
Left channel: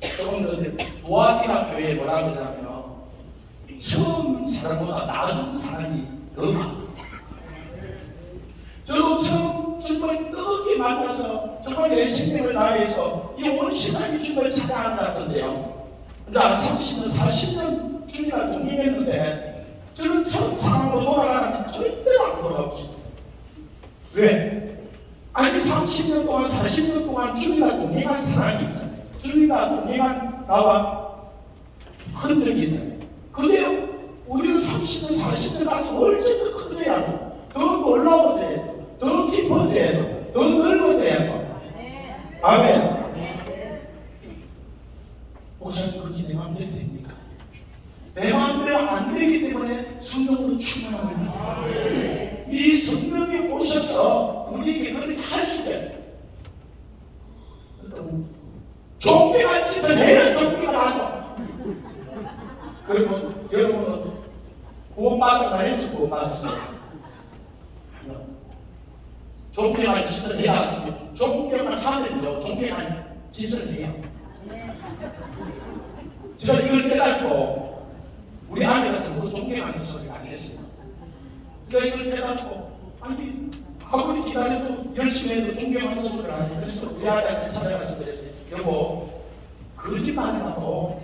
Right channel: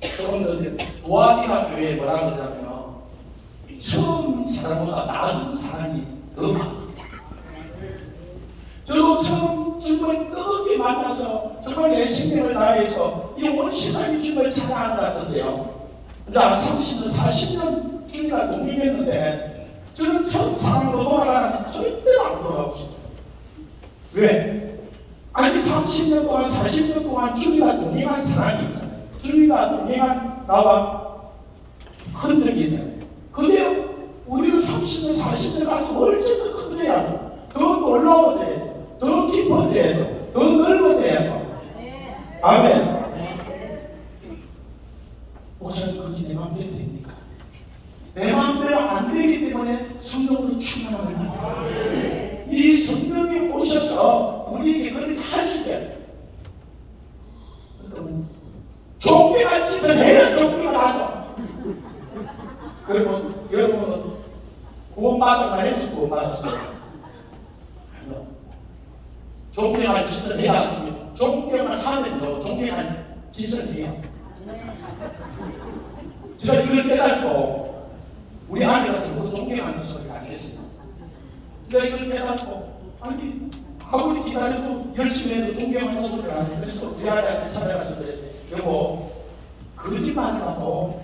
조금 더 도안이나 교회에 뭐라 그러냐면 처음 사랑보다 나중 사랑이 더 많아요. 저도 처음 주님을 뜨겁게 만나서 정말 내 생명을 다해서 이 온 세상이 주님을 찾아간 것 같은데요. 근데 한 30년, 40년 주님과 동행했는데 저는 처음 사랑으로 돌아가는 절대로 안 돌아오죠. 왜? 아니 30년 동안 40년 동안 주님과 동행한 사람이 있잖아요. 주님과 동행한 나와 흔적이 있잖아요. 근데 우리는 30년, 40년 가서 얼마나 커져야 돼. 더 놀라워져야 돼. 더 깊어져야 돼. 더 넓어져야 돼. 아멘. 목사님, 그게 내 마음대로 됩니까? 내 마음대로 안 되기 때문에 성령으로 충만합니다. 이 성령이 오셔서 우리에게 그렇게 하시되 좀비가 짓을 해야 좀비가 나고. 그러면 여러분은 구원받을만 해서 구원받았어요. 좀비가 짓을 해야 좀비만 하면요 좀비가 짓을 해요. 제가 이걸 깨닫고 우리 아내가 전부 존경하는 소리를 안 했어요. 제가 이걸 깨닫고 아니 아무리 기다려도 열심히 해도 존경하는 소리를 안 해요. 그래서 우리 아내한테 찾아가서 그랬어요. 여보, 거짓말이라도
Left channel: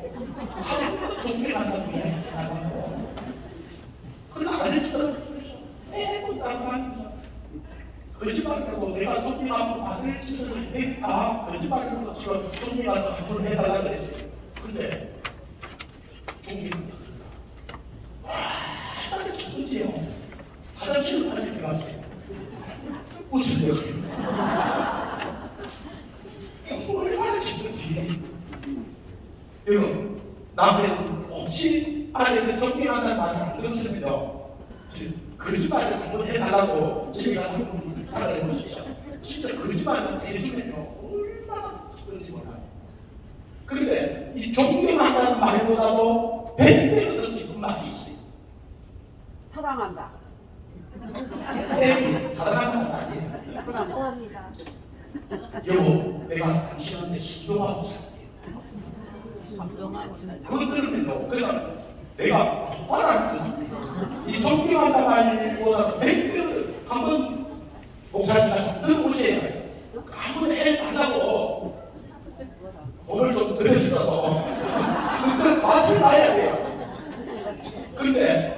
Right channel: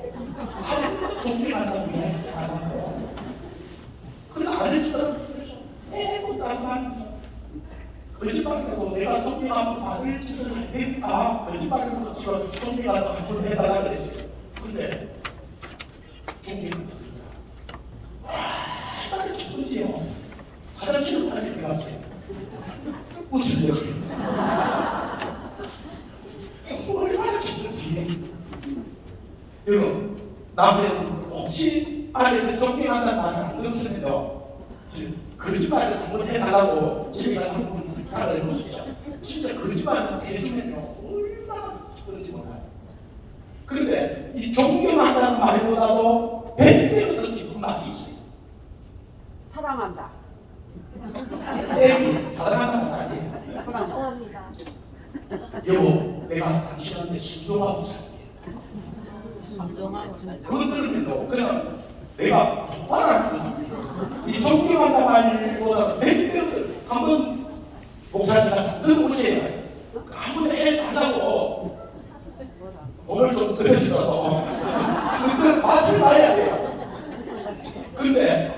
하루만 존경한다고 해야겠다고. 그래 안 해주더라고요. 그래서 매번 따라다니면서 거짓말이라도 내가 존경하면서 받을 짓을 하니까 거짓말이라도 지금 존경하는 한번 해달라고 그랬어요. 근데 존경한다. 딱 쳤던지요. 화장실을 빨리 갔어요. 웃으려. 얼마나 쳤던지. 여러분, 남의 혹시 아내를 존경한다는 말을 안 들었으면요. 지금 거짓말을 한번 해달라고 집에 가서 부탁을 해보시죠. 진짜 거짓말을 해주면요. 얼마나 쳤던지 몰라요. 그런데 이 존경한다는 말보다도 100배로 더 깊은 말이 있어요. 사랑한다. 네, 사랑하는 말 아니에요. 여보, 내가 당신한테 신중하고 살게. 그들은요, 그냥 내가 받아라는 거야. 이 존경한다 말보다 100배로 한번 목사님 가서 들어보세요. 아무리 애 안 하고 돈을 좀 들였어도 그때 맛을 봐야 돼요. 근데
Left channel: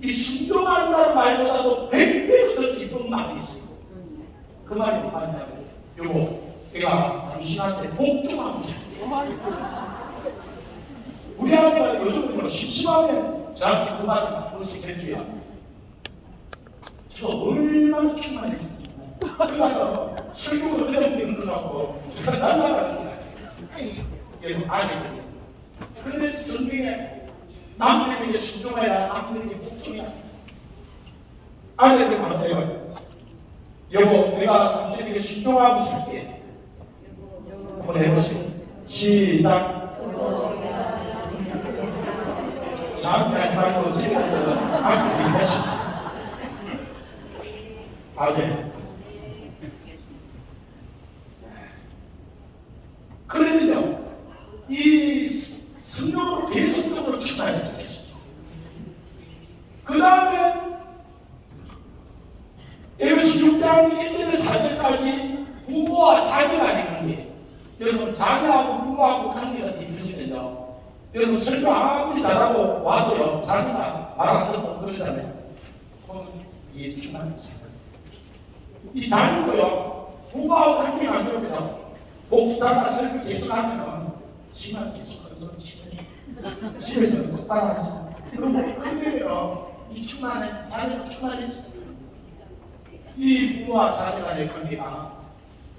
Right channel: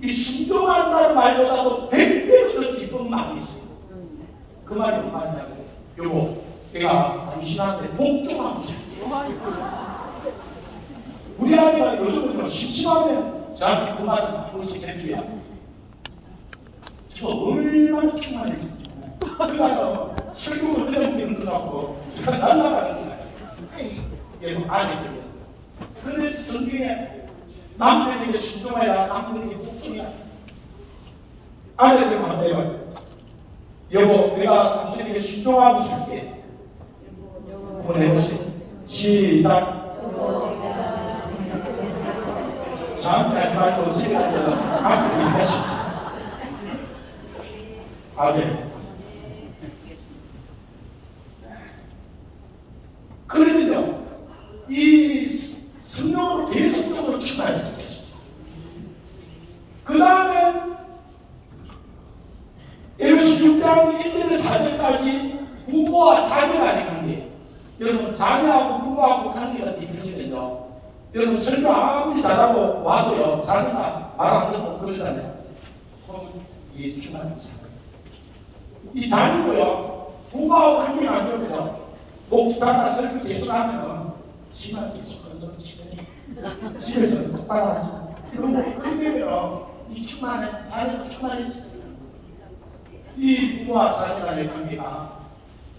이 순종한다는 말보다도 100배로 더 깊은 말이 있어요. 그 말이 무슨 말이냐고. 여보, 제가 당신한테 복종하고 싶어요. 우리 아이가 요즘은 심심하면 저한테 그 말을 한 번씩 해줘야 저 얼마나 충만해요. 그러니까 설교를 그냥 되는 것 같고 제가 날라가는 거예요. 여러분 아니거든요. 그래서 성경에 남편에게 순종해라, 남편에게 복종해라. 아내들 말해요. 여보, 내가 당신에게 순종하고 살게. 한번 해보세요. 시작. 저한테 하지 말고 집에 가서 남편에게 하시죠. 아멘. 그러면요, 이 성령으로 계속적으로 충만해져 계시죠. 그 다음에 에베소 6장 1절에서 4절까지 부부와 자녀 간의 관계. 여러분, 자녀하고 부부하고 관계가 되면요, 여러분 설교 아무리 잘하고 와도요, 자녀가 말 안 듣고 그러잖아요. 그건 예수 충만해져. 이 자녀도요, 부부하고 관계가 안 좋으면 목사가 설교 계속하면 집안 계속 건설치네. 집에서 똑바로 하지. 그럼 그러면 이 충만해, 자녀가 충만해지죠. 이 부부와 자녀 간의 관계가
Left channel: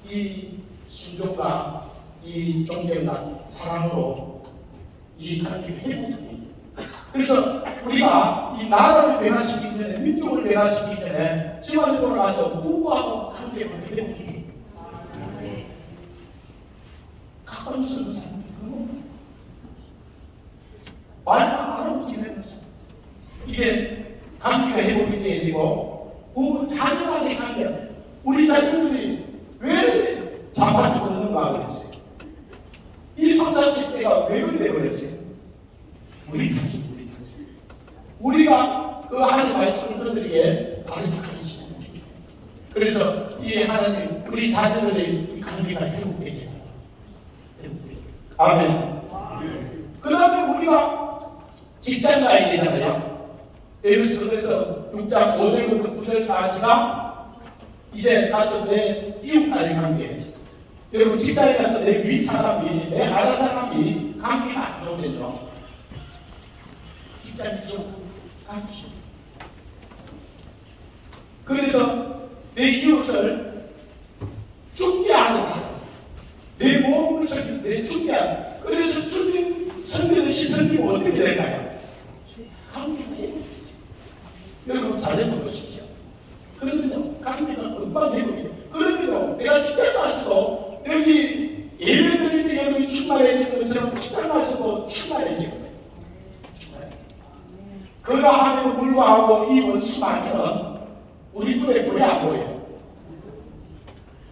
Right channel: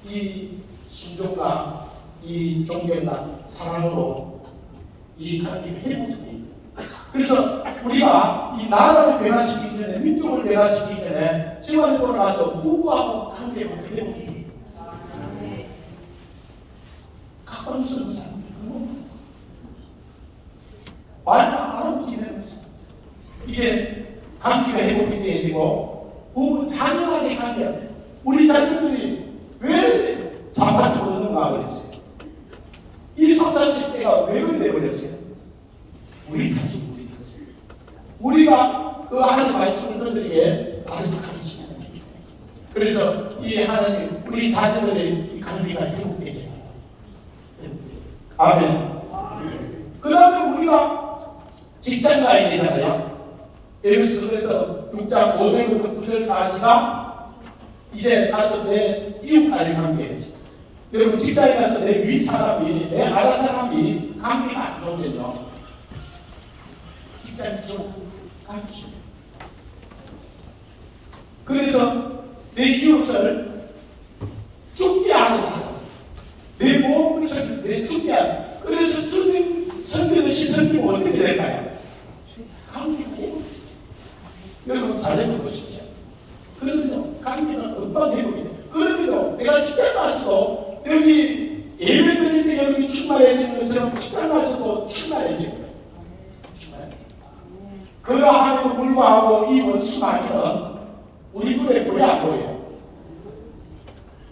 이 신종과 이 존경과 사랑으로 이 관계가 회복돼요. 그래서 우리가 이 나라를 변화시키기 전에, 민족을 변화시키기 전에 집안에 돌아가서 부부하고 관계가 회복돼요. 가끔 쓰는 사람, 말만 안 하고 지내면서 이게 관계가 회복이 돼야 되고, 부부 자녀 간의 관계, 우리 자녀들이 왜 자파적으로 넘어가 버렸어요? 이 성장식 때가 왜 그래 버렸어요? 우리 가족. 우리가 그 하나님 말씀을 들으기에 바르게 가르치는 거예요. 그래서 이 하나님, 우리 자녀들의 이 관계가 회복되게 합니다. 아멘. 그 다음에 우리가 직장 가야 되잖아요. 에베소서에서 6장 5절부터 9절까지가 이제 가서 내 이웃과의 관계. 여러분 직장에 가서 내 윗사람이, 내 아랫사람이 관계가 안 좋으면요, 직장이 좀 감기. 그래서 내 이웃을 죽게 하는 내 몸을 내 죽게 하는. 그래서 주님 성경의 성경이 어떻게 될까요? 감기가 여러분 잘해줘 보십시오. 그러면요 감기가 금방 되거든요. 그러면요 내가 직장 가서도 여기 예배 드릴 때 여러분이 출마해지는 것처럼 직장 가서도 출마해지거든요. 그러함에도 불구하고 이 원수마귀는 우리 눈에 보여 안 보여요?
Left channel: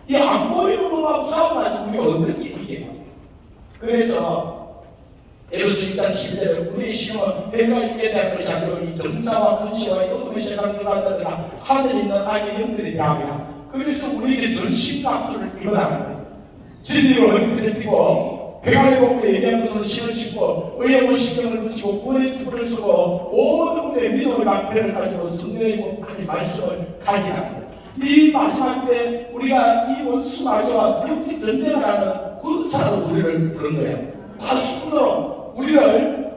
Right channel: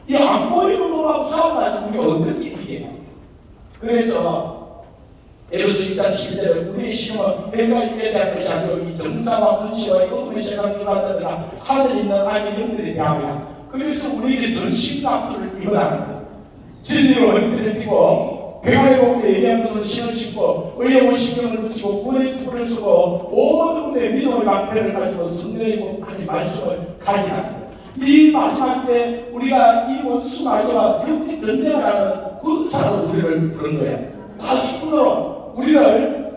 이 안 보이는 놈하고 싸워가지고 우리가 어떻게 이겨요? 그래서 에베소 1장 10절에 우리의 시험은 내가 있게 대한 것이 아니고 이 정사와 근시와 어둠의 세상을 들어가다가 하늘에 있는 악의 영들에 대하며 그래서 우리에게 전신갑주를 끌어나는 거예요. 진리로 어린이를 띠고 백화의 복에 예비한 것을 신을 신고 의의 원신경을 붙이고 구원의 투구를 쓰고 모든 의 믿음의 방패를 가지고 성령의 하나님 말씀을 가지는 거예요. 이 마지막 때 우리가 이 원수 마귀와 이렇게 전쟁을 하는 군사로 우리를 부른 거예요. 다시 끊어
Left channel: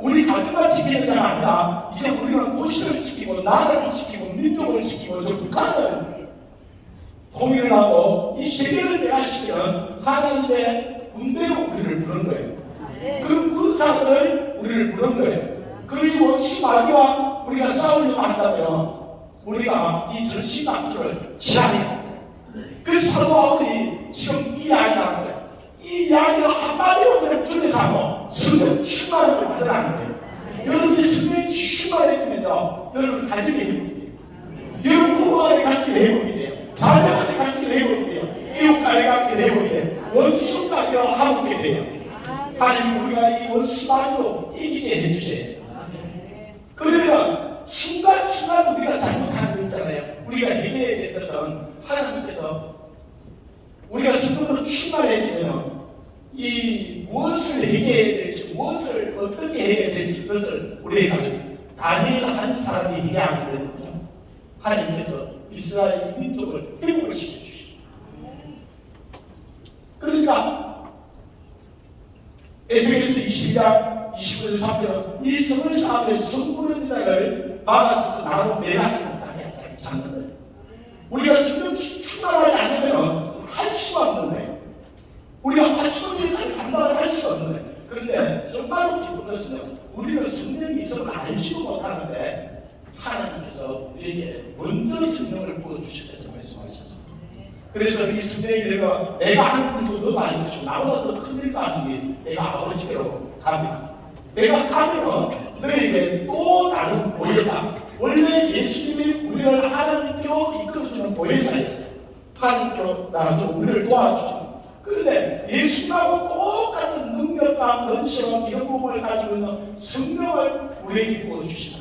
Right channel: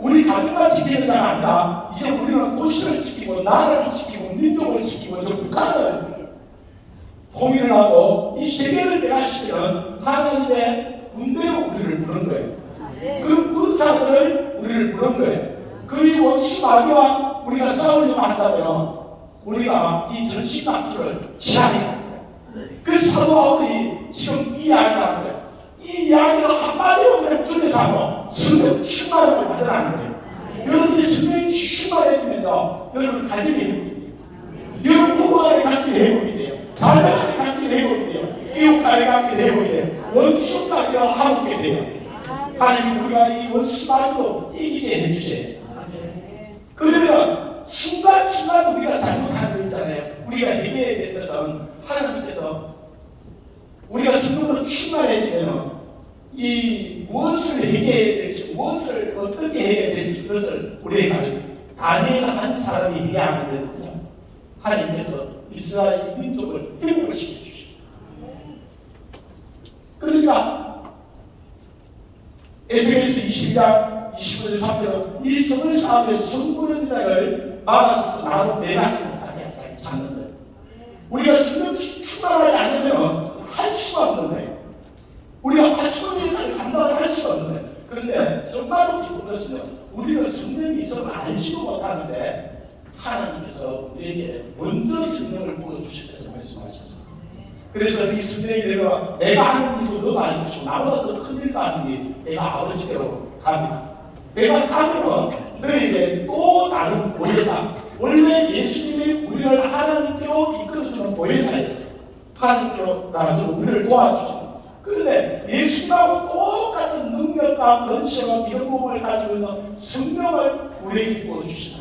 우리 가족만 지키는 자가 아니라 이제 우리는 도시를 지키고 나라를 지키고 민족을 지키고 저 국가를 통일을 하고 이 세계를 멸하시는 하나님의 군대로 우리를 부른 거예요. 그 군사들을 우리를 부른 거예요. 그 원수 마귀와 우리가 싸우려고 한다면 우리가 이 전신갑주를 취하해야 돼요. 그래서 사도 바울이 지금 이 이야기를 하는 거예요. 이 이야기를 한마디로 그냥 전해서 하고 성령 충만을 받으라는 거예요. 여러분이 성령 충만해지면요 여러분 가정이 회복이 돼요. 여러분 부부 간의 관계가 회복이 돼요. 자녀 간의 관계가 회복이 돼요. 이웃 간의 관계가 회복이 돼요. 원수 관계가 화목게 돼요. 하나님 우리가 이 원수 말고 이기게 해주세요. 그러면 순간순간 우리가 잘못하는 거 있잖아요. 우리가 해결해야 될 것은 하나님께서 우리가 성령으로 충만해지면 이 무엇을 해결해야 될지 무엇을 어떻게 해야 될지 그것을 우리가 다니엘 한 사람이 이해하는 거거든요. 하나님께서 이스라엘 민족을 회복을 시켜주시오. 그러니까 에스겔서 22장 29절 3절은 이 성을 쌓으며 성문을 자를 막아서서 나로 매하기를 찾는 거예요. 우리가 성령 충만하지 않으면 할 수가 없는 거예요. 우리가 80%까지 감당을 할 수가 없는 거예요. 그런데 정말 기쁜 것은요, 우리는 성령이 있어도 알지도 못하는데 하나님께서 우리에게 먼저 성령을 부어주시면서 말씀하셨습니다. 그래서 이 성령이 내가 하는 일도 너 많이 주시고 나보다 더 큰 일도 하는 게 내가 아버지께로 갑니다. 내가 가면 너에게 또 다른 보혜사, 원래 예수님이 우리를 하나님께로 이끌어주는 보혜사였어요. 하나님께로 나가서 우리를 도와주죠. 그런데 예수님하고 똑같은 능력과 권세와 기름부음을 가지고 있는 성령을 우리에게 부어주시다.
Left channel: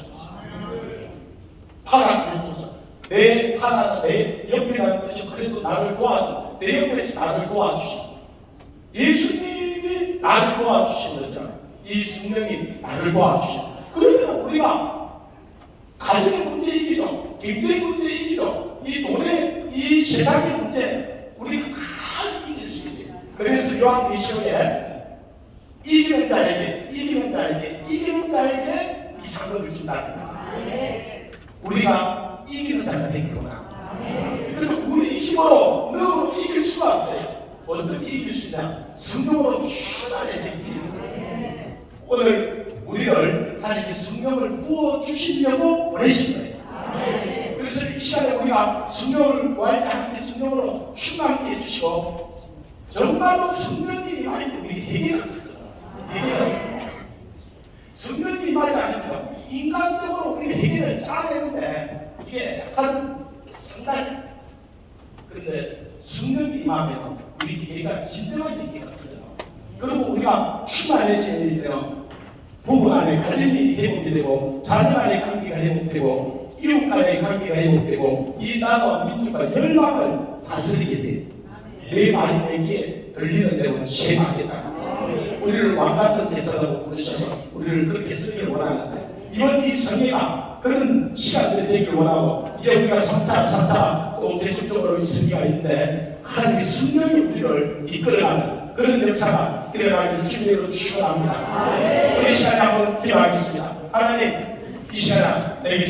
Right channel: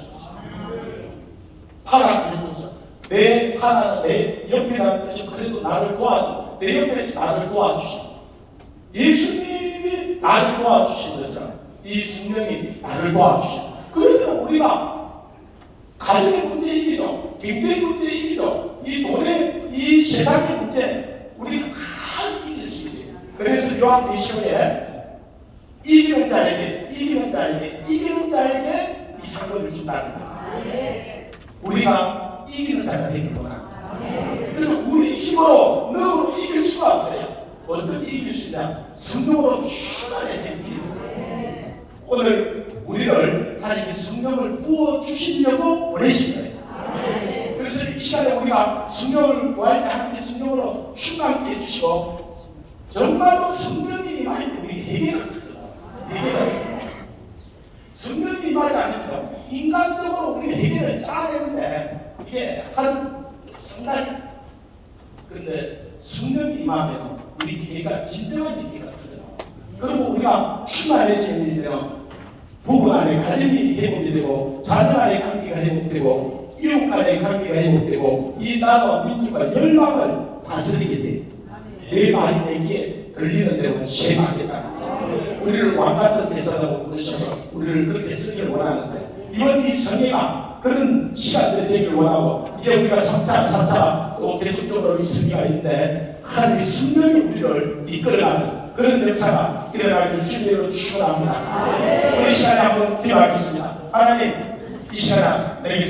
하나님께서 내 하나는 내 옆이라는 것이 그래도 나를 도와줘. 내 옆에서 나를 도와주시다. 예수님이 나를 도와주시는 것처럼 이 성령이 나를 도와주시다. 그러면 우리가 가정의 문제 이기죠. 경제의 문제 이기죠. 이 돈의 이 세상의 문제 우리가 다 이길 수 있어요. 그래서 요한계시록에 이기는 자에게 이 상급을 준다는 거예요. 우리가 이기는 자가 되는구나. 그리고 우리 힘으로 능으로 이길 수가 없어요. 어떻게 이길 수 있냐? 성령으로 충만해야 됩니다. 오늘 우리를 하나님이 성령을 부어주시려고 보내신 거예요. 그래서 이 시간에 우리가 성령을 구할 때 하나님의 성령으로 충만하게 해주시고 정말로 성령이 임할 때 우리 회개가 돼요. 성령이 임하지 않으면 인간적으로 우리 회개를 짜내는데 이게 한 상당히 그런데 성령이 임하면 우리 회개가 진정한 회개가 돼요. 그리고 우리가 충만해지면 부부 간의 가정이 회복이 되고 자녀 간의 관계가 회복되고 이웃 간의 관계가 회복되고 이 나라와 민족과 열방을 다스리게 돼요. 내 말이 내기에 들리는 대로 시행하겠다. 우리를 왕같은 제사라고 부르셔서 우리를 그렇게 쓰기를 원하는데 이번 이 성회가 그런 시간들이 되길 원하고 이제 우리가 3차 또 계속적으로 있을 때가 있는데 하나님의 성령이 우리를 이끌어가는 그런 역사가 일어나기를 주님으로 축원합니다. 우리 시간에 한번 기도하겠습니다. 하나님 이 시간에 내게